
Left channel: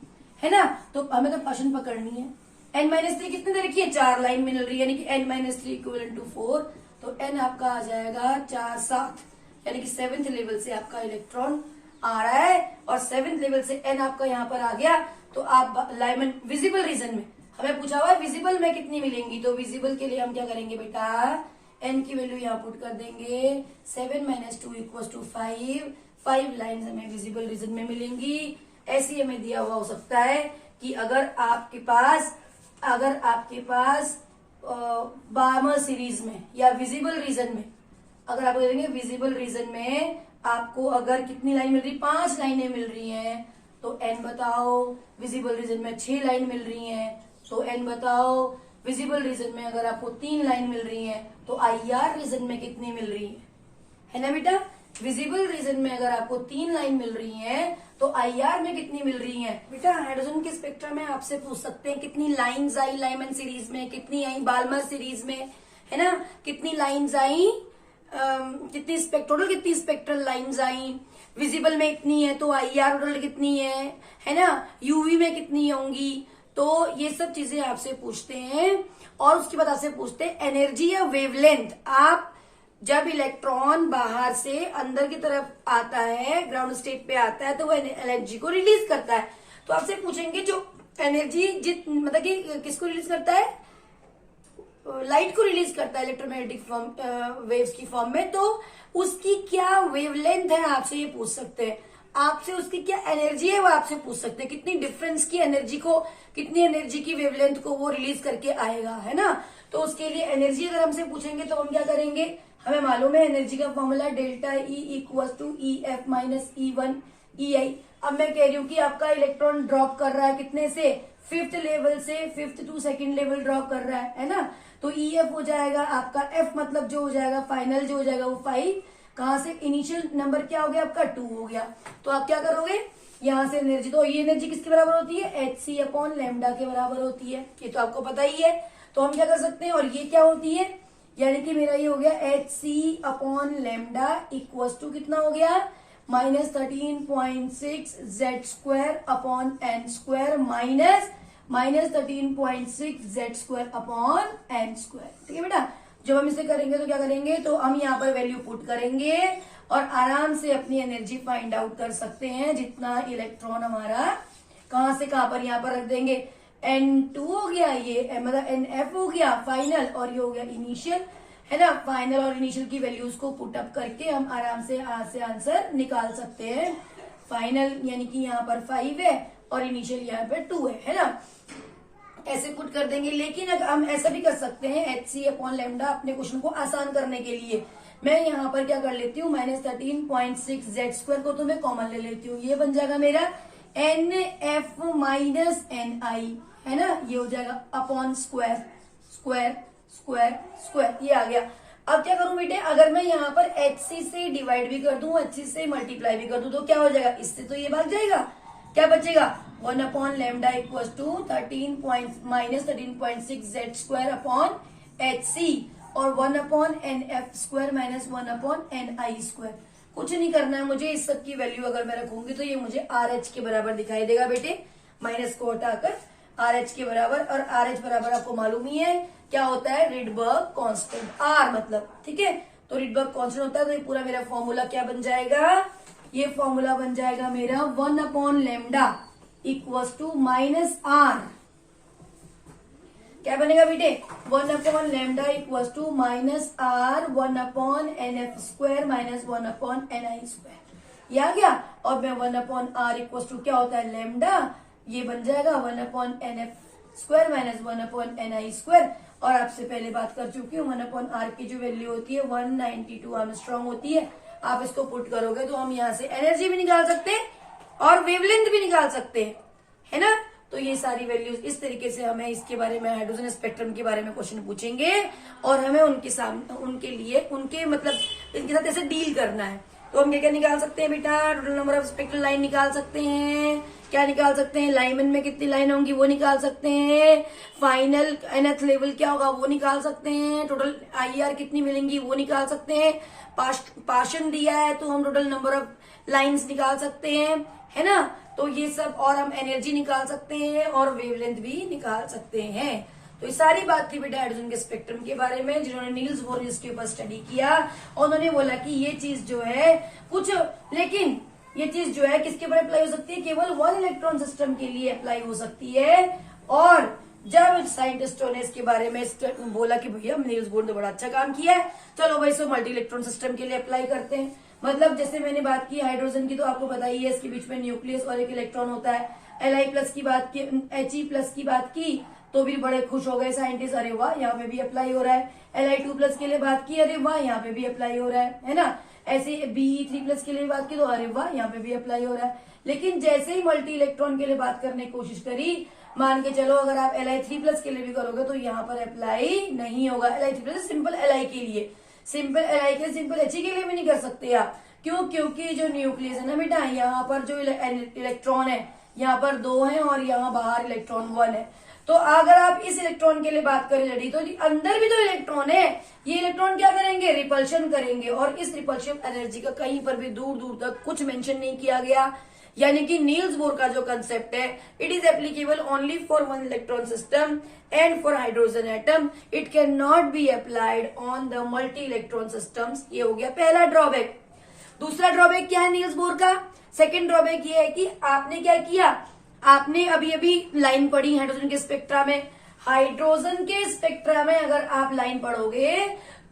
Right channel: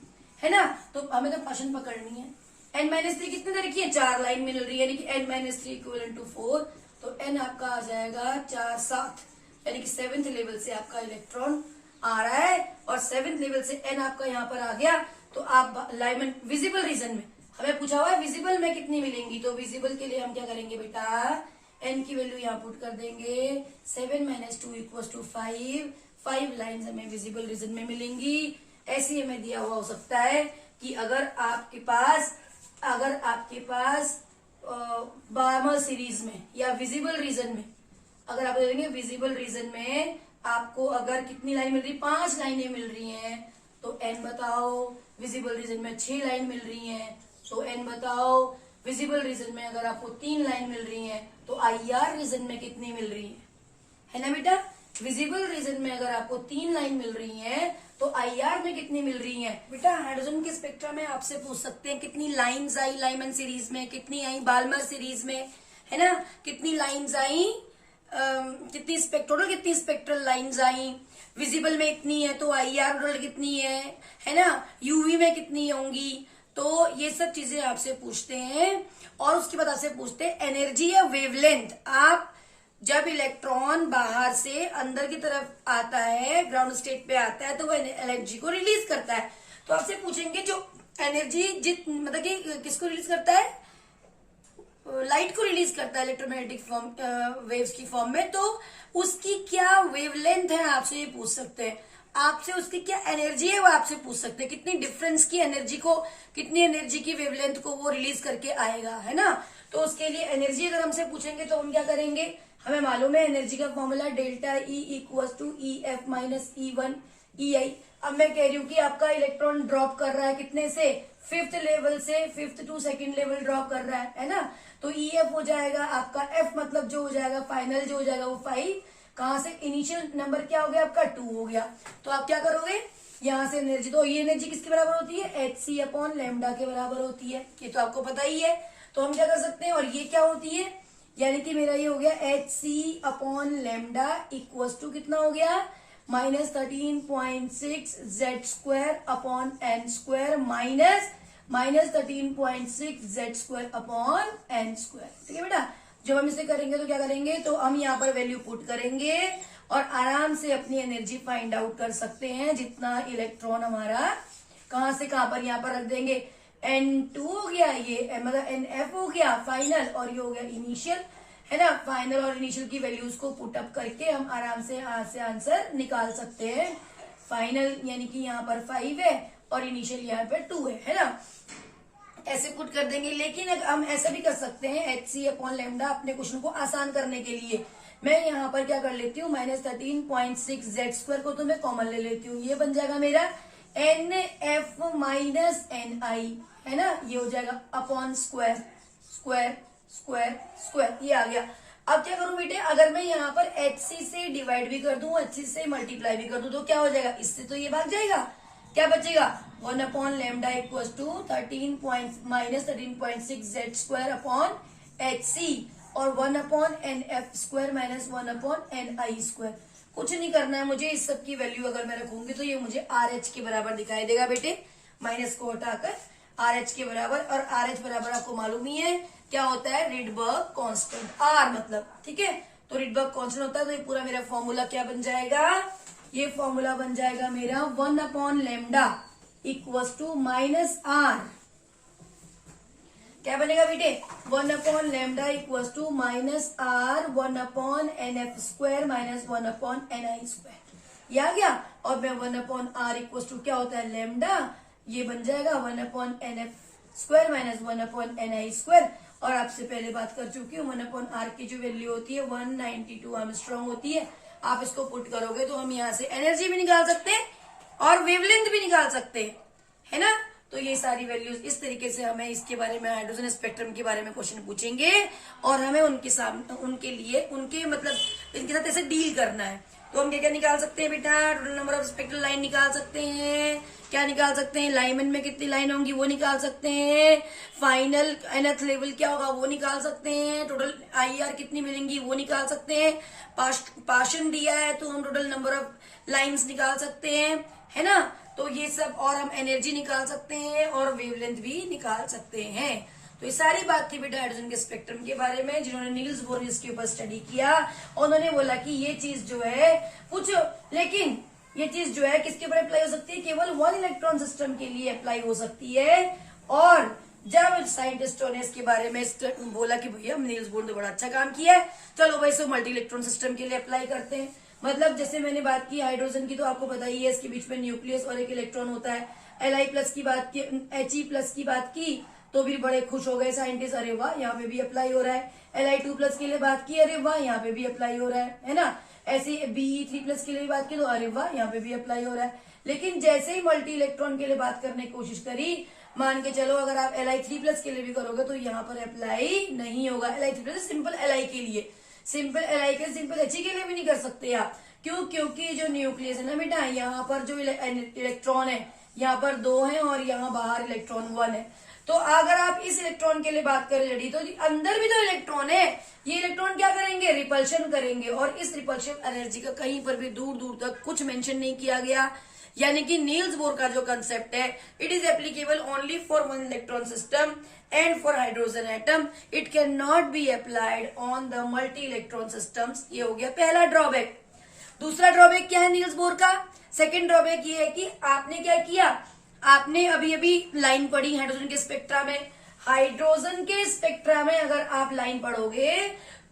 है ना। तो हमें तो पाशन पकड़नी है। n-3 कितनी दे रखी है, 4 लाइन मिल रही है, यानी कि n-3 इक्वल टू 4। तो n आपका आ जाएगा 4 7, यानी कि 7th लेवल से आपका इलेक्ट्रॉन आ रहा है, और 7th लेवल से n आपका यहाँ पर आ गया। तो आप लाइमन विजिबल रीजन में, हमें पूछा हुआ है विजिबल में कितनी मिलेंगी, तो विजिबल के लिए हम क्या करेंगे बेटा, n की वैल्यू यहाँ पुट कर देंगे, 7 - 2 = 5, 5 लाइन हमें विजिबल रीजन में मिलेंगी। ऐसे हमें दिया हुआ हो सकता है कि अगर आपके पास बार्मर सीरीज में या विजिबल रीजन में, अगर आपको देखेंगे विजिबल रीजन में आपको अगर कितनी लाइन मिल रही, 5 लाइनें मिल रही हैं, तो n बताओ। विजिबल रीजन में 6 लाइन मिल रही हैं, तो n बताओ। विजिबल रीजन में अगर आपको 3 लाइन मिल रही हैं, तो IR रीजन में कितनी मिल रही है ना बेटा। विजिबल रीजन में अगर आपको 3 लाइन मिल रही हैं, तो IR में कितनी मिल रही हैं बेटा। हाइड्रोजन के स्पेक्ट्रम में आपसे पूछ सकते हैं कितनी लाइंस आई लाइमन सीरीज में, कितनी आई बाल्मर सीरीज में, है ना, कितनी लाइंस आई, कितनी टोटल कितनी स्पेक्ट्रल लाइंस आई। विजिबल में इतनी है, तो IR टोटल कितनी है ना, UV में कितनी होंगी। तो ये सब चीजें आपसे पूछते हैं, और उसके बाद आपसे पूछते हैं एनर्जी या वेवलेंथ। आप जब इलेक्ट्रॉन बाहर से अंदर की तरफ आता है, ग्राउंड स्टेट पे आता है, तो वो एनर्जी को रिलीज करता है। तो आपसे पूछेंगे जो एनर्जी मतलब कि किसको रिलीज करता है, लाइट को रिलीज करता है इलेक्ट्रोमैग्नेटिक वेव्स की फॉर्म में, तो उसकी क्या वेवलेंथ है आपसे ये पूछ सकते हैं। आपसे उसकी क्या एनर्जी है वो आपसे पूछ सकते हैं, कितनी डिफरेंस की एनर्जी को, कितनी एनर्जी की वेवलेंथ को वो रिलीज करके आएगा, है ना। तो उसके लिए एनर्जी अगर हमसे पूछेंगे तो हम क्या करेंगे, हमें मालूम है एनर्जी का formula delta E = EF - E1 EI। अब मैं कह रही हूँ कि आपका इलेक्ट्रॉन ड्रॉप कर रहा है कितने से, 5th लेवल से 5th to 2nd level drop कर रहा है ना। तो EF हो जाएगा आपका, F मतलब जो हो जाएगा फाइनल जो हो जाएगा वो 5, कहां से, इनिशियल नंबर क्या हो गया आपका 2 हो गया। तो आप क्या करोगे, यहां से एनर्जी, तो ये एनर्जी किसके बराबर होती है, hc/λ के बराबर होती है, ये तो आपको पता ही है। तो हम क्या कर सकते हैं, और ये क्या होती है, यानी कि मेरा ये हो गया hc/λ = कितना हो गया, -13.6 Z² -13.6 Z² ठीक है बेटा। जब हम इसे करेंगे तो क्या करेंगे, तो हम यहाँ पर वैल्यू पुट करेंगे और आराम से अपनी एनर्जी फाइंड आउट कर सकते हैं। जितना इलेक्ट्रॉन हमारा कहां से कहां पर यहाँ पर रख देंगे, N2 हो गया, ये मतलब NF हो गया फाइनल, और ये हो गया इनिशियल, है ना। फाइनल और इनिशियल की वैल्यूज को पुट अप करके हम आराम से आंसर निकाल सकते हैं। फाइनल यानी कि यहाँ पर 5 है और इनिशियल यहाँ पर 2 है ना। ऐसे पुट कर देंगे। लेकिन अगर हम ऐसा भी कर सकते हैं, hc/λ अपने क्वेश्चन को आसान करने के लिए मैं यहाँ पर क्या कर लेती हूँ, -13.6 Z² को तो मैं कॉमन ले लेती हूँ, ये बन जाएगा मेरा NF - NI, है ना। ये हो जाएगा upon square square square square, ये आ गया। अब क्या करूं बेटे, अगर मैं यहाँ पर HC से डिवाइड भी कर दूं, HC से मल्टीप्लाई भी कर दूं, तो क्या हो जाएगा, इससे तो ये भाग जाएगा, क्या बचेगा, 1/λ = 13.6 Z² HC और 1/NF² - 1/NI²। कुछ नहीं करना है मुझे, इस सब की वैल्यू अगर मैं रखूंगी तो ये मुझे RH के बराबर दिखाई देगा बेटे, माइनस को हटाकर RH के बराबर। और RH बराबर आपको मालूम ही है क्या होता है, रिडबर्ग कांस्टेंट, R मतलब, ठीक है। तो रिडबर्ग कांस्टेंट होता है, तो ये पूरा मेरा फॉर्मूला क्या बन जाएगा, ये फॉर्मूला बन जाएगा मेरा 1/λ = -R। क्या बनेगा बेटे, 1/λ = -R 1/NF² - 1/NI², ये आ गया। और मैं 1/R = क्या होता है, लैम्डा, ये बन जाएगा 1/NF² - 1/NI²। और आपसे पहले बात कर चुकी हूँ, 1/R की जो वैल्यू होती है 192 एंगस्ट्रॉम होती है। आप इसको पुट करोगे तो हम यहाँ से एनर्जी भी निकाल सकते हैं और वेवलेंथ भी निकाल सकते हैं, है ना। तो ये सारी वैल्यूज इस तरीके से हमें इसके बारे में, हाइड्रोजन स्पेक्ट्रम के बारे में क्वेश्चन पूछेंगे और हमें उनके सामने, उनके लिए, उनके मतलब इनके साथ ऐसे डील करना है। तो हम क्या क्या निकाल सकते हैं बेटा? Total number of spectral line निकाल सकते हैं। क्या निकाल सकते हैं? लाइमन में कितनी लाइन होंगी वो निकाल सकते हैं। फाइनल nth लेवल क्या होगा वो निकाल सकते हैं। टोटल IR कितनी मिलेंगी वो निकाल सकते हैं। पार्शन दिया है तो हम टोटल नंबर ऑफ लाइंस निकाल सकते हैं, है ना। तो ये सब, और हम एनर्जी निकाल सकते हैं और वेवलेंथ भी निकाल सकते हैं। तो ये सारी बात थी बेटा हाइड्रोजन के स्पेक्ट्रम के बारे में, जिन्होंने नील्स बोर ने इसके ऊपर स्टडी किया। और उन्होंने बोला कि ये चीज जो है कुछ, लेकिन ये चीज जो है किसके ऊपर अप्लाई हो सकती है? केवल 1 इलेक्ट्रॉन सिस्टम के लिए अप्लाई हो सकती है। और जब साइंटिस्टों ने इसके बारे में बोला कि भैया नील्स बोर ने बड़ा अच्छा काम किया है, चलो भाई इसको मल्टी इलेक्ट्रॉन सिस्टम के लिए अप्लाई करते हैं। मतलब जैसे मैंने बात की हाइड्रोजन की, तो आपको पता ही है इसके बीच में न्यूक्लियस और एक इलेक्ट्रॉन होता है। Li+ की बात की, He+ की बात की तो भी बड़े खुश हो गए साइंटिस्ट, अरे वाह यहाँ पे भी अप्लाई हो रहा है। Li2+ के लिए बात की, अरे वाह यहाँ पे भी अप्लाई हो रहा है ना। ऐसे Be3+ के लिए बात की तो अरे वाह यहाँ पे भी अप्लाई हो रहा है। लेकिन जैसे ही मल्टी इलेक्ट्रॉन के लिए बात करने की कोशिश करी, मान के चलो अगर आप Li3+ के लिए भी करोगे तो यहाँ पर अप्लाई नहीं होगा। Li3+ सिंपल Li के लिए, सिंपल Li के, सिंपल He के लिए भी नहीं कर सकते आप। क्यों? क्योंकि जो न्यूक्लियस है ना बेटा, यहाँ पर जो इलेक्ट्रॉन है यहाँ पर 2 है और यहाँ बाहर इलेक्ट्रॉन 1 है। तो अगर आप इस इलेक्ट्रॉन के लिए बात करें लड़ी, तो अंदर भी जो इलेक्ट्रॉन है, ये इलेक्ट्रॉन क्या करेंगे? रिपल्शन करेंगे। और इस रिपल्शन एनर्जी का कहीं पर भी दूर दूर तक कुछ मेंशन नहीं किया गया। यानी कि नील्स बोर का जो कंसेप्ट है, it is applicable only for 1 electron system and for hydrogen atom. It can not be applied on the multi electron systems. ये हो गया पहला ड्रॉबैक। दूसरा ड्रॉबैक क्या है नील्स बोर का? सेकेंड ड्रॉबैक ये है कि आपने क्या किया, आपने अभी अभी लाइन पढ़ी हाइड्रोजन के स्पेक्ट्रा में। हाइड्रोजन के स्पेक्ट्रा में अगर आप लाइन पढ़ोगे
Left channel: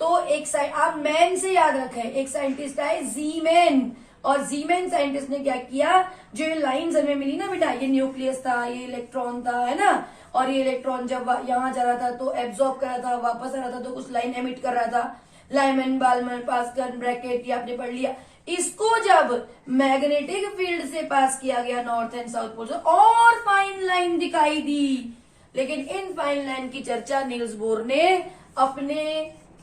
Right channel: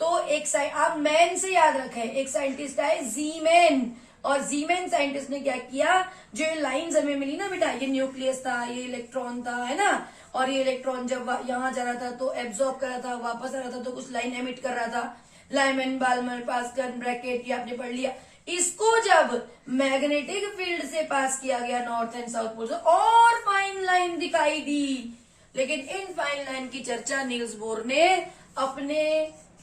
तो एक साइड आप मैन से याद रखें, एक साइंटिस्ट है जीमैन, और जीमैन साइंटिस्ट ने क्या किया, जो ये लाइंस हमें मिली ना बेटा, ये न्यूक्लियस था, ये इलेक्ट्रॉन था, है ना, और ये इलेक्ट्रॉन जब यहाँ जा रहा था तो एब्जॉर्ब कर रहा था, वापस आ रहा था तो कुछ लाइन एमिट कर रहा था। लाइमन, बाल्मर, पास्कल, ब्रैकेट, ये आपने पढ़ लिया। इसको जब मैग्नेटिक फील्ड से पास किया गया नॉर्थ एंड साउथ पोल से, और फाइन लाइन दिखाई दी। लेकिन इन फाइन लाइन की चर्चा नील्स बोर ने अपने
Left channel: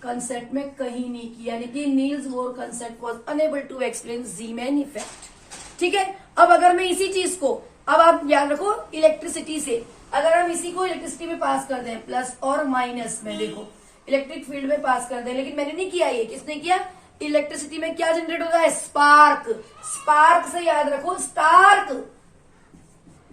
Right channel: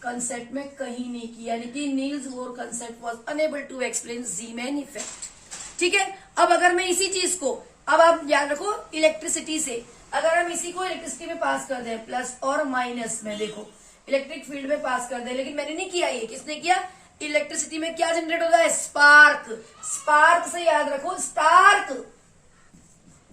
कंसेप्ट में कहीं नहीं किया, लेकिन Niels Bohr concept was unable to explain Zeeman effect. ठीक है, अब अगर मैं इसी चीज को, अब आप याद रखो इलेक्ट्रिसिटी से, अगर हम इसी को इलेक्ट्रिसिटी में पास कर दें, प्लस और माइनस में, देखो इलेक्ट्रिक फील्ड में पास कर दें, लेकिन मैंने नहीं किया, ये किसने किया? इलेक्ट्रिसिटी में क्या जनरेट होता है? स्पार्क। स्पार्क से याद रखो, स्टार्क,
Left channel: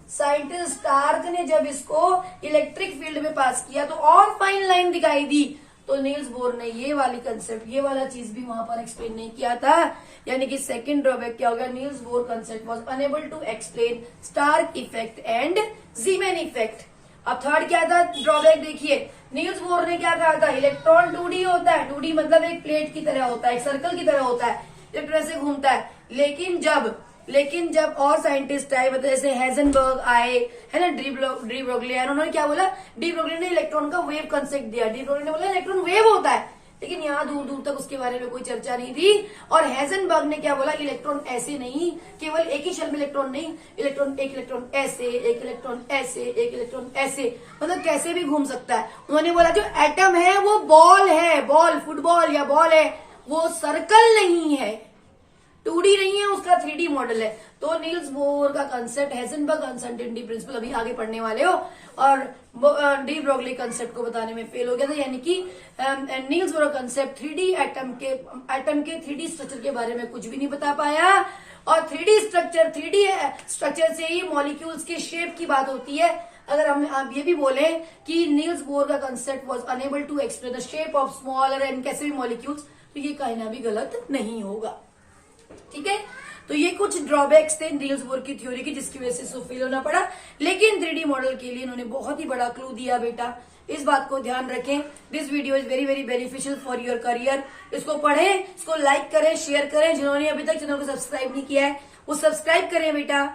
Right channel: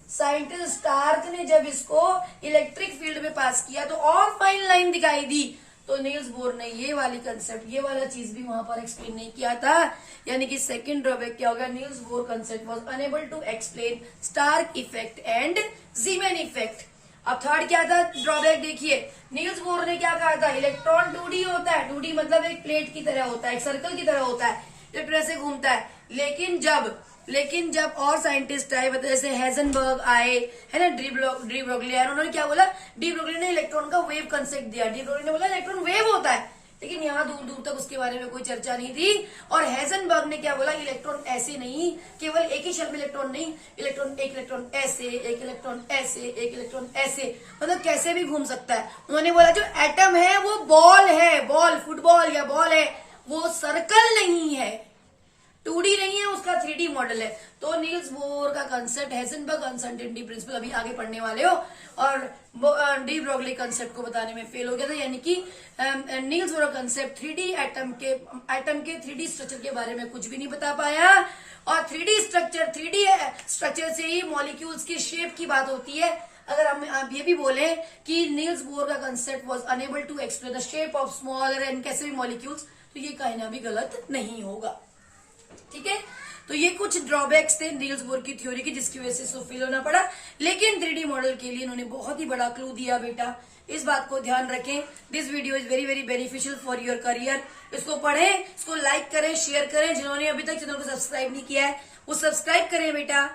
साइंटिस्ट स्टार्क ने जब इसको इलेक्ट्रिक फील्ड में पास किया तो और फाइन लाइन दिखाई दी। तो नील्स बोर ने ये वाली कंसेप्ट, ये वाला चीज भी वहां पर एक्सप्लेन नहीं किया था। यानी कि सेकंड ड्रॉबैक क्या होगा? Niels Bohr concept was unable to explain Stark effect and Zeeman effect. अब थर्ड क्या था ड्रॉबैक? देखिए नील्स बोर ने क्या कहा था, इलेक्ट्रॉन 2D होता है, 2D मतलब एक प्लेट की तरह होता है, एक सर्कल की तरह होता है, इलेक्ट्रॉन से घूमता है। लेकिन जब और साइंटिस्ट आए, मतलब जैसे हेजनबर्ग आए, है ना, डी ब्रोगली आए, उन्होंने क्या बोला, डी ब्रोगली ने इलेक्ट्रॉन का वेव कंसेप्ट दिया। डी ब्रोगली ने बोला इलेक्ट्रॉन वेव होता है, लेकिन यहाँ दूर दूर तक उसके बारे में कोई चर्चा नहीं थी। और हेजनबर्ग ने क्या बोला, इलेक्ट्रॉन ऐसे नहीं, केवल एक ही शेल में इलेक्ट्रॉन नहीं, इलेक्ट्रॉन एक इलेक्ट्रॉन ऐसे, एक इलेक्ट्रॉन ऐसे, एक इलेक्ट्रॉन ऐसे, मतलब कैसे भी घूम सकता है। उन्होंने बोला जो एटम है वो बॉल है, बॉल, फुटबॉल या बॉल है, वो सर्कल नहीं है, 2D नहीं है, उसका 3D मॉडल है। तो नील्स बोर का कंसेप्ट, हेजनबर्ग अनसर्टेनिटी प्रिंसिपल अभी आगे पढ़ने वाले हो, और डी ब्रोगली कंसेप्ट को बताने में फेल हो गया था। यानी कि Niels Bohr concept 3D atom के 3D स्ट्रक्चर के बारे में कुछ भी नहीं बता पाया। और 3D स्ट्रक्चर से ही मॉलिक्यूल्स की शेप की बात होती है। अगर आप ये भी बोले कि नील्स बोर का concept was unable to explain the shape of smaller and कैसे भी मॉलिक्यूल्स, तो ये कहना भी गलत नहीं होगा। ठीक है, तो ये कुछ ड्रॉबैक्स थे नील्स बोर की थ्योरी की, जिसकी वजह से इसको फेल होना पड़ा। लेकिन 3D मॉडल के लिए इन्होंने बहुत ही बड़ा क्लू दिया बेटा, इस बात को ध्यान रखें। This video is very very beneficial for your career. इसको पढ़ें, इसको लाइक करें, शेयर करें। जिन्होंने अभी तक चैनल को सब्सक्राइब नहीं किया है वो सब्सक्राइब करें बेटा।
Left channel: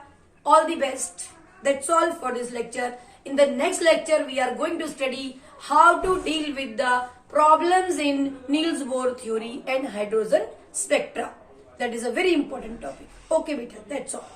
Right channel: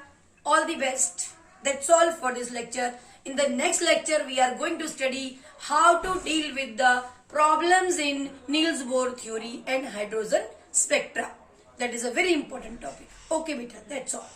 All the best. That's all for this lecture. In the next lecture, we are going to study how to deal with the problems in Niels Bohr theory and hydrogen spectra. That is a very important topic. Okay, beta, that's all.